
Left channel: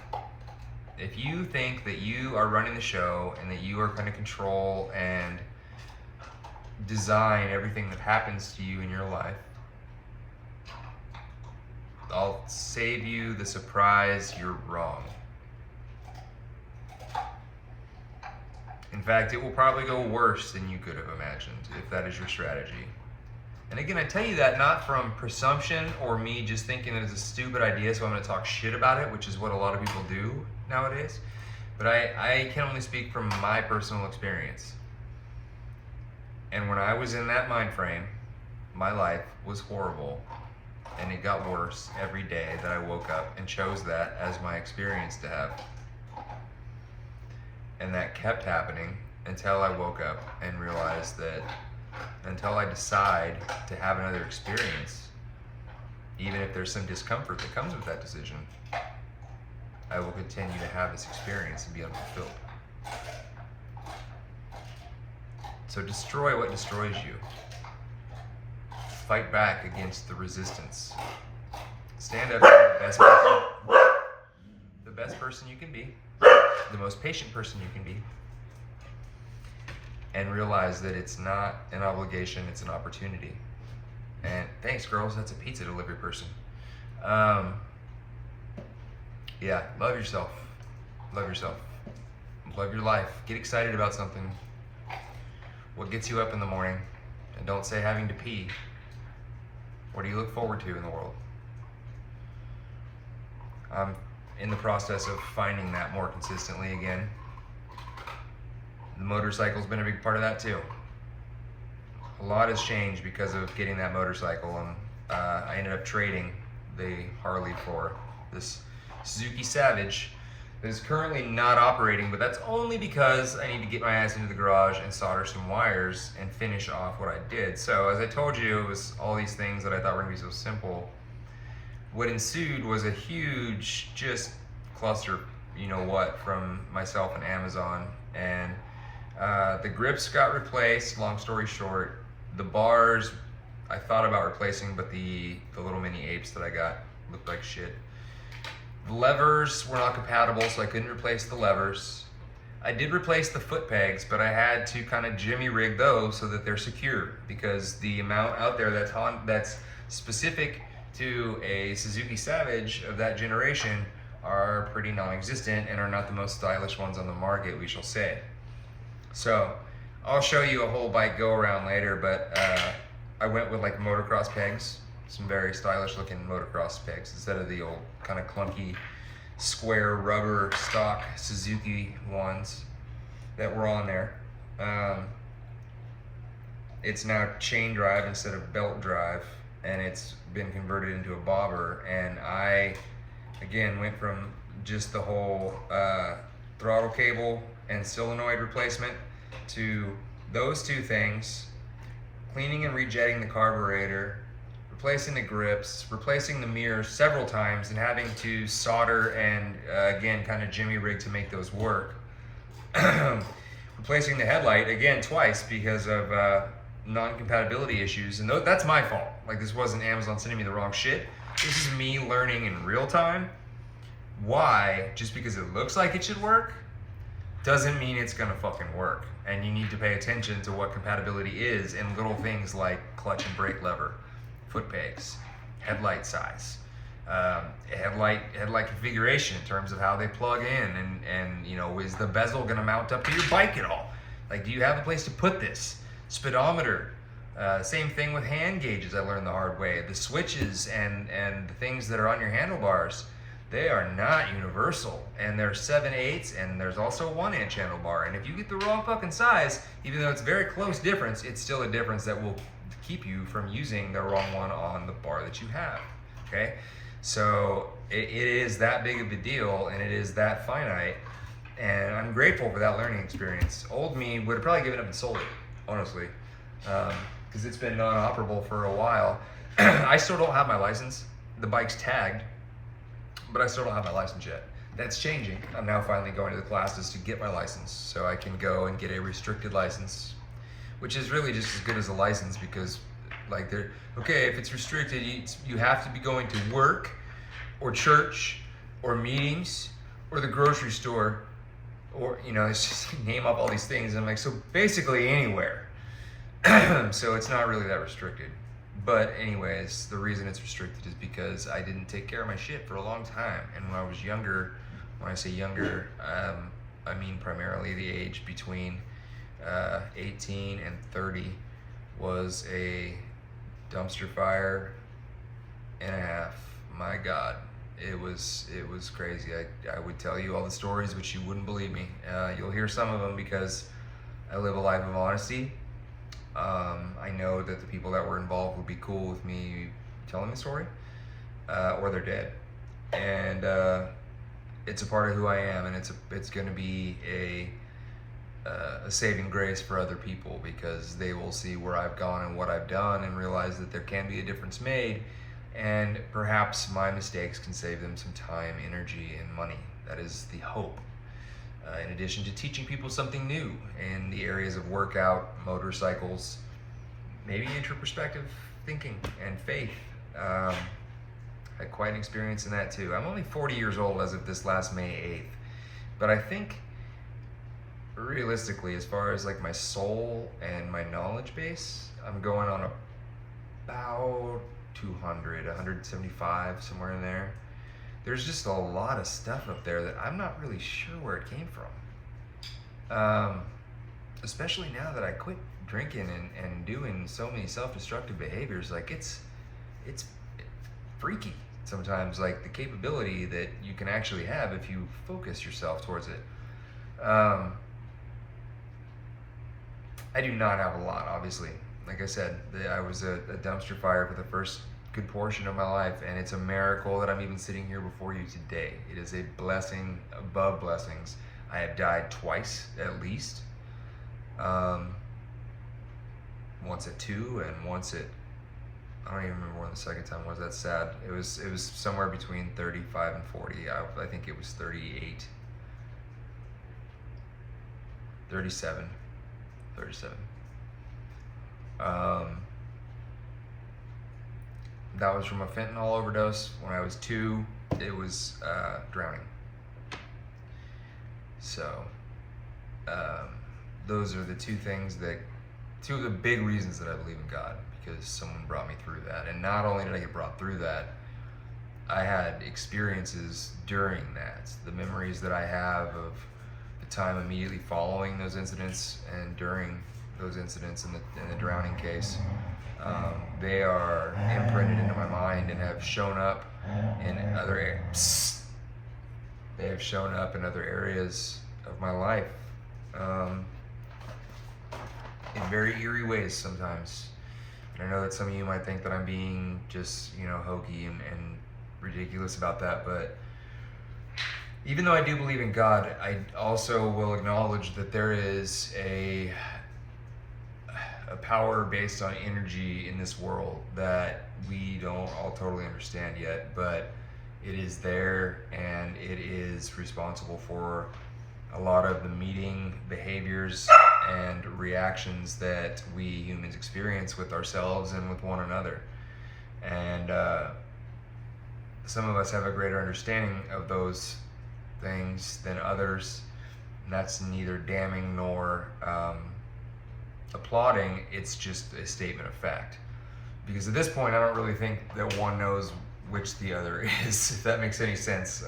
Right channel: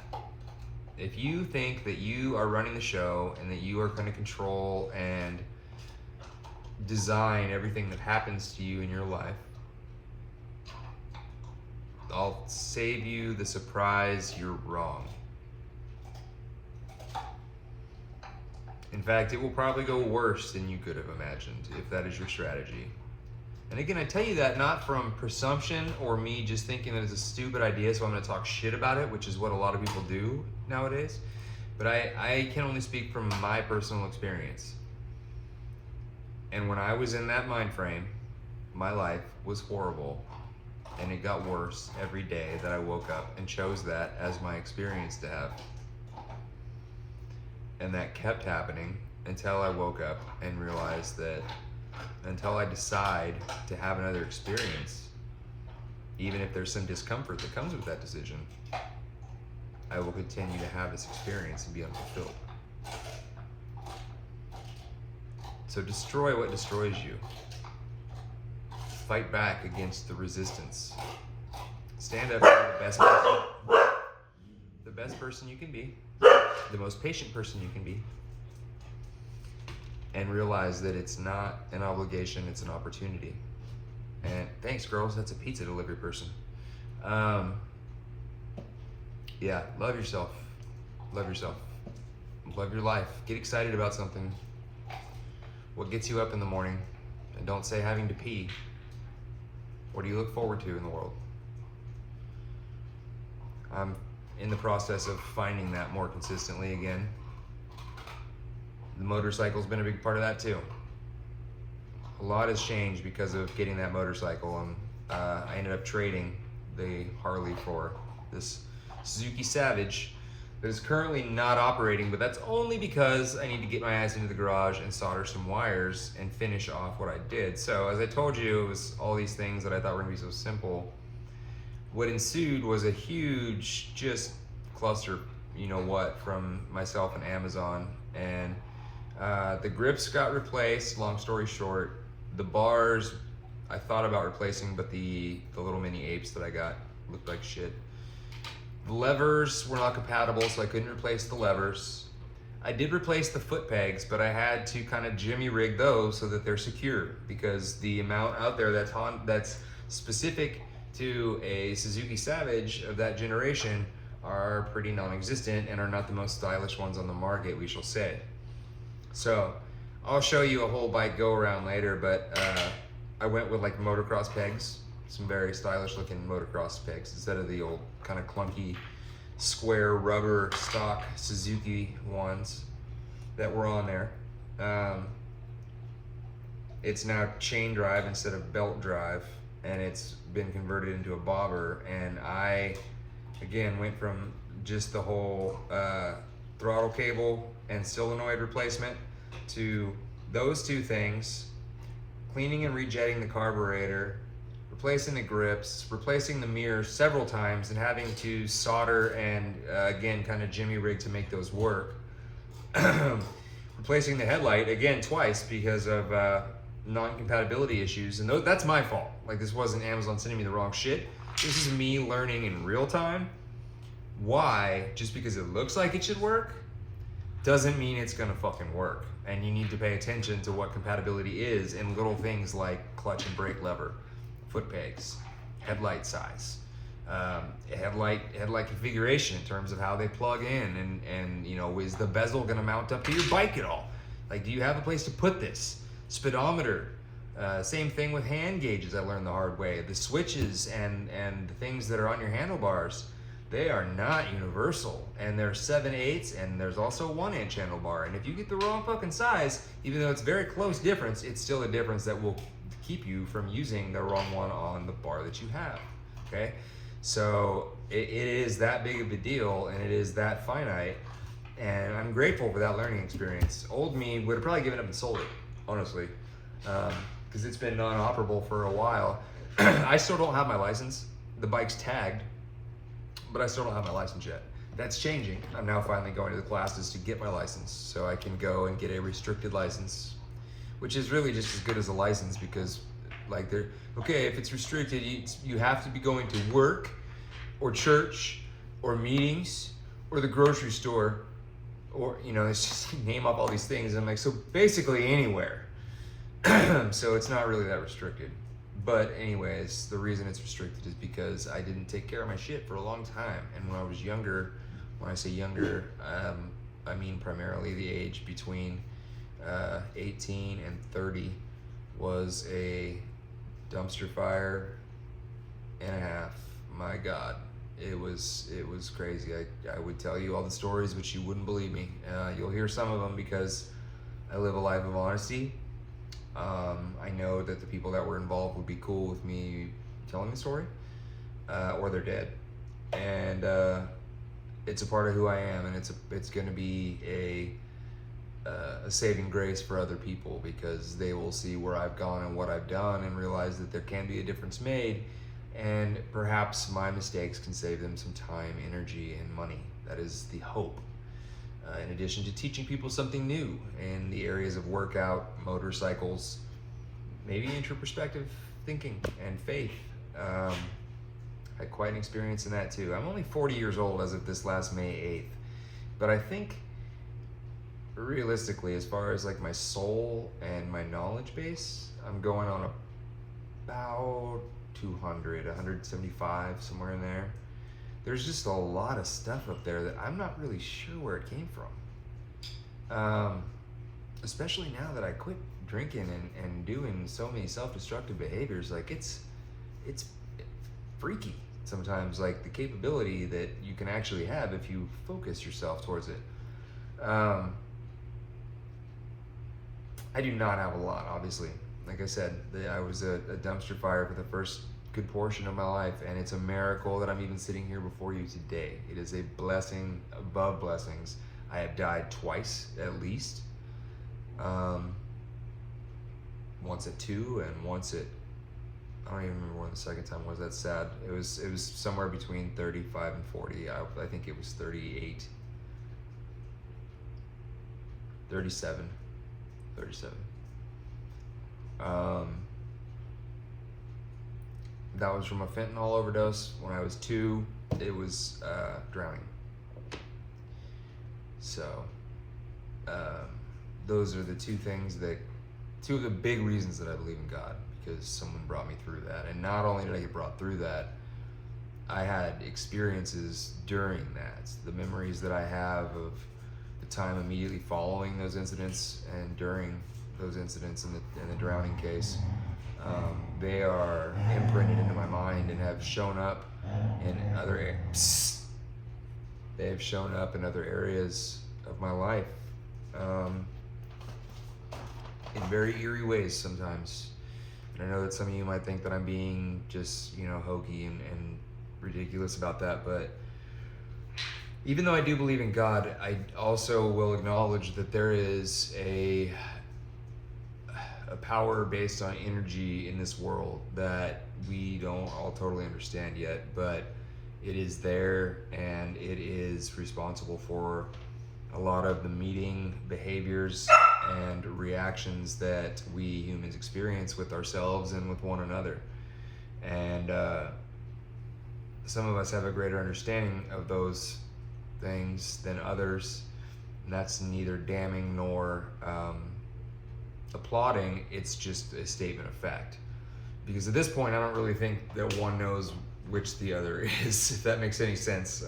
If you think that you are running the show and that you are gonna control and design everything that happens to you in your life, I'll save you the surprise, you're wrong. In fact, it will probably go worse than you could have imagined if that is your strategy. And again, I tell you that not from presumption or me just thinking that it's a stupid idea, so I'm going to talk shit about it, which is what a lot of people do nowadays. But I can only speak from my personal experience. And when I was in that mind frame, my life was horrible. And it got worse every day that I woke up and chose that as my experience to have. And that kept happening until I woke up and realized that until I decide to have another experience, even if there's some discomfort that comes with that decision, I will continue to have this experience and be unfulfilled. So destroy what destroys you. Fight back against the resistance. Stand up to the best person you can be, the most patient person you can be, and realize that it's not an obligation, it's an opportunity. And thanks, girls, that's a pizza delivery person. Yeah, love yourself. Love yourself. Love your life. Get excited about something. What gets you up in the morning? And don't say having to pee. What do you look forward to in the world? I'm in the process of finding that more consistently again. The motorcycle's been a big part of that too. A lot has changed because of getting that motorcycle, and I ended up trading the Harley for this Suzuki Savage that is currently not operating, but that's only because I need to get my ass into the garage and solder some wires and finish off what I did. So as I told you, it was all these things that I thought were gonna be so simple. What ensued was a huge just cluster, you know what, from myself and Amazon. And the grips got replaced, long story short. The bars I thought about replacing, but the little mini apes that I got looked like shit. The levers were not compatible, so I couldn't replace the levers. I did replace the foot pegs, but I had to kind of jimmy rig those so that they're secure, because the amount out there that's specific to a Suzuki Savage of that generation are pretty non-existent and are not the most stylish ones on the market, we shall say. So I'll show you a whole bike go around later, but I went with like motocross pegs, some very stylish looking motocross pegs instead of the old kind of clunky square rubber stock Suzuki ones that were on there. It's now chain drive instead of belt drive, and it's been converted into a bobber. And I, again, went from just the whole throttle cable and solenoid replacement to those two things, cleaning and rejetting the carburetor, replacing the grips, replacing the mirrors several times, and having to solder and again kind of jimmy rig to make those work. Replacing the headlight again twice because of non-compatibility issues, and that's my fault. Like, this wasn't Amazon sending me the wrong shit. This is me learning in real time why just because it looks like it should work doesn't mean it's gonna fucking work. And you need to pay attention to what compatibility is in little things like clutch and brake lever, foot pegs, headlight size, headlight configuration in terms of how they plug in, and you know, is the bezel gonna mount up to your bike at all? Like, do you have a place to put this? Speedometer, same thing with hand gauges, I learned the hard way. The switches and the things that are on your handlebars, they are not universal, and there's 7/8, and there's also 1-inch handlebar. And if you get the wrong fucking size, even though it's very close difference, it's still a difference that will keep you from using the wrong one on the bar that you have, okay? So it is that big of a deal, and it is that finite, and I'm grateful for that learning experience. Old me would have probably given up and sold it, honestly, because it's been non-operable for a while. I still don't have my license. The bike's tagged, but I still don't have my license yet. That's changing. I'm now finally going to the classes to get my license, so I can go and get a restricted license, which is really just as good as a license, because like okay, if it's restricted, you have to be going to work or church or meetings or the grocery store, or, you know, it's just name up all these things. And I'm like, so basically anywhere. So it's not really that restricted. But anyways, the reason it's restricted is because I didn't take care of my shit for a long time. And when I was younger, when I say younger, I mean primarily the age between 18 and 30 was a dumpster fire and a half. My God, it was crazy. I would tell you all the stories, which you wouldn't believe me. You'll hear some of them because I live a life of honesty. I know that the people that were involved would be cool with me telling the story, or they're dead. And it's a part of who I am, and it's going to be a saving grace for other people, because they will see where I've gone and what I've done and realize that there can be a difference made, and perhaps my mistakes can save them some time, energy, and money. That is the hope. In addition to teaching people something new in the areas of workout, motorcycles, maybe introspective thinking and faith. Had quite an experience in that too. I'm only 40 years old as of this last May 8th, but I think realistically, as far as like my soul and my knowledge base, I'm going on about 200, 175, somewhere in there. There's just a lot of stuff up there that I'm not really sure where it came from. Especially now that I quit drinking and doing so many self-destructive behaviors. Like it's freaky sometimes, like the capability that you can actually have if you focus yourself towards it. I do not have a lot, obviously. Like I said, I was a dumpster fire for the first good portion of my life, and it's a miracle that I'm even sitting here before you today. It is a blessing above blessings. I have died twice at least. Once at 2 and once at, I don't even remember when the second time was. That's sad. It was somewhere between 35 and 40. I think it was 38. 37. That was from a fentanyl overdose. When I was 2, it was drowning. So those are the two of the big reasons that I believe in God, because someone brought me through that. And not only did I get brought through that, I had experiences during that. The memories that I have of the time immediately following those incidents and during those incidents in the drowning case, they are imprinted into my mind and have shown up in other areas. They have shown up in other areas of my life, in very eerie ways sometimes. And I know that some of you might think that I'm being just, hokey and ridiculous about that, but even though I do believe in God, I also will acknowledge that there is a power based on energy in this world that we don't all totally understand yet, but it is there, and it is responsible for a lot of the meeting behaviors and reactions that we humans experience with ourselves and with one another. And some of us have a greater understanding of those things than others, and that's neither damning nor applauding. It's just a statement of fact, because at this point I don't really think that one knows which the other is, if that makes any sense.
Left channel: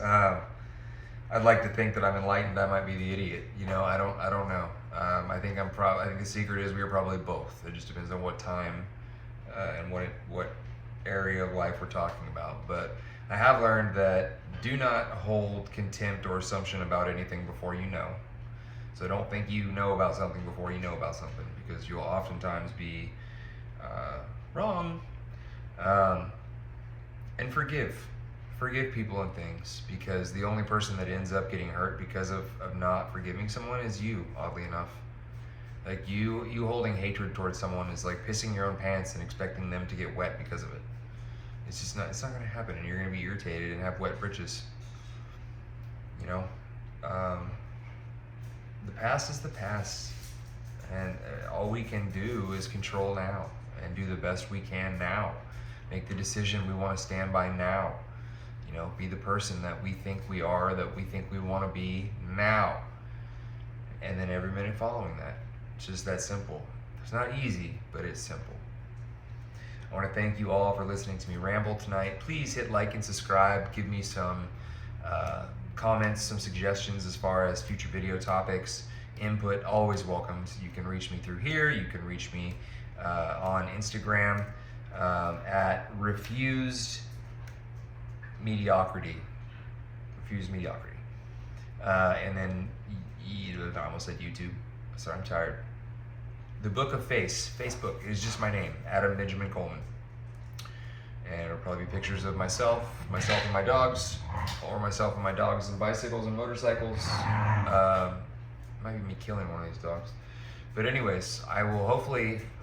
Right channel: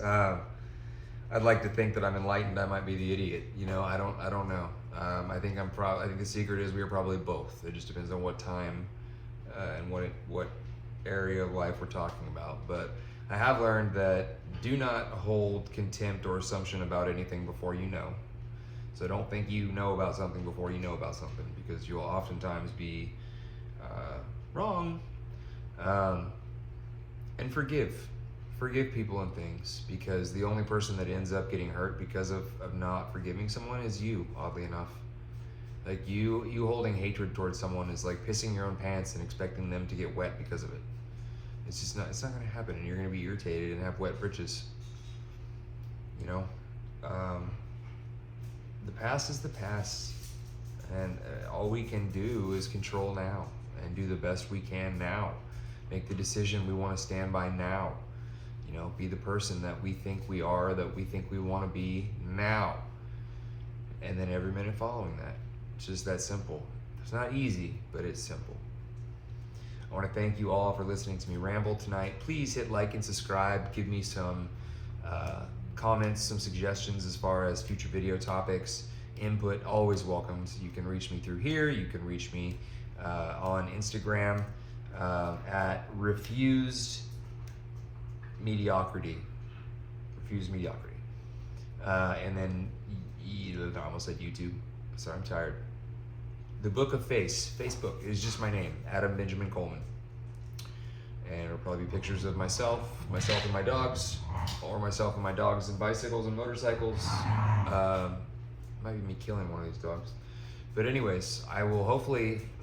I'd like to think that I'm enlightened. I might be the idiot. I don't know. I think the secret is we are probably both. It just depends on what time and what area of life we're talking about. But I have learned that do not hold contempt or assumption about anything before you know. So don't think you know about something before you know about something, because you'll oftentimes be wrong. And forgive people and things, because the only person that ends up getting hurt because of not forgiving someone is you, oddly enough. Like you holding hatred towards someone is like pissing your own pants and expecting them to get wet because of it. It's not going to happen, and you're going to be irritated and have wet britches. The past is the past, and all we can do is control now and do the best we can now. Make the decision we want to stand by now. Be the person that we think we are, that we think we want to be now. And then every minute following that. It's just that simple. It's not easy, but it's simple. I want to thank you all for listening to me ramble tonight. Please hit like and subscribe. Give me some comments, some suggestions as far as future video topics. Input always welcomed. You can reach me through here. You can reach me on Instagram at refused mediocrity. Refused mediocrity. And then I almost said YouTube. Sorry, I'm tired. The Book of Facebook is just my name, Adam Benjamin Coleman. And it'll probably be pictures of myself and my dogs, or myself and my dogs and bicycles and motorcycles. Might be me killing one of these dogs. But anyways, I will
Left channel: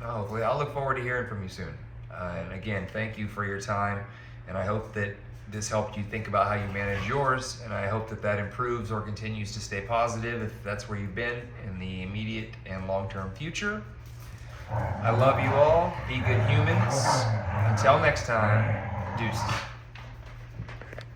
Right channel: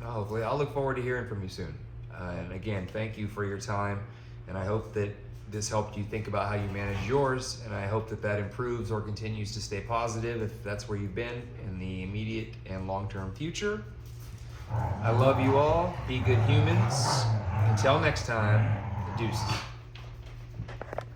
I'll look forward to hearing from you soon. And again, thank you for your time. And I hope that this helped you think about how you manage yours. And I hope that that improves or continues to stay positive if that's where you've been in the immediate and long-term future. I love you all. Be good humans. Until next time, deuces.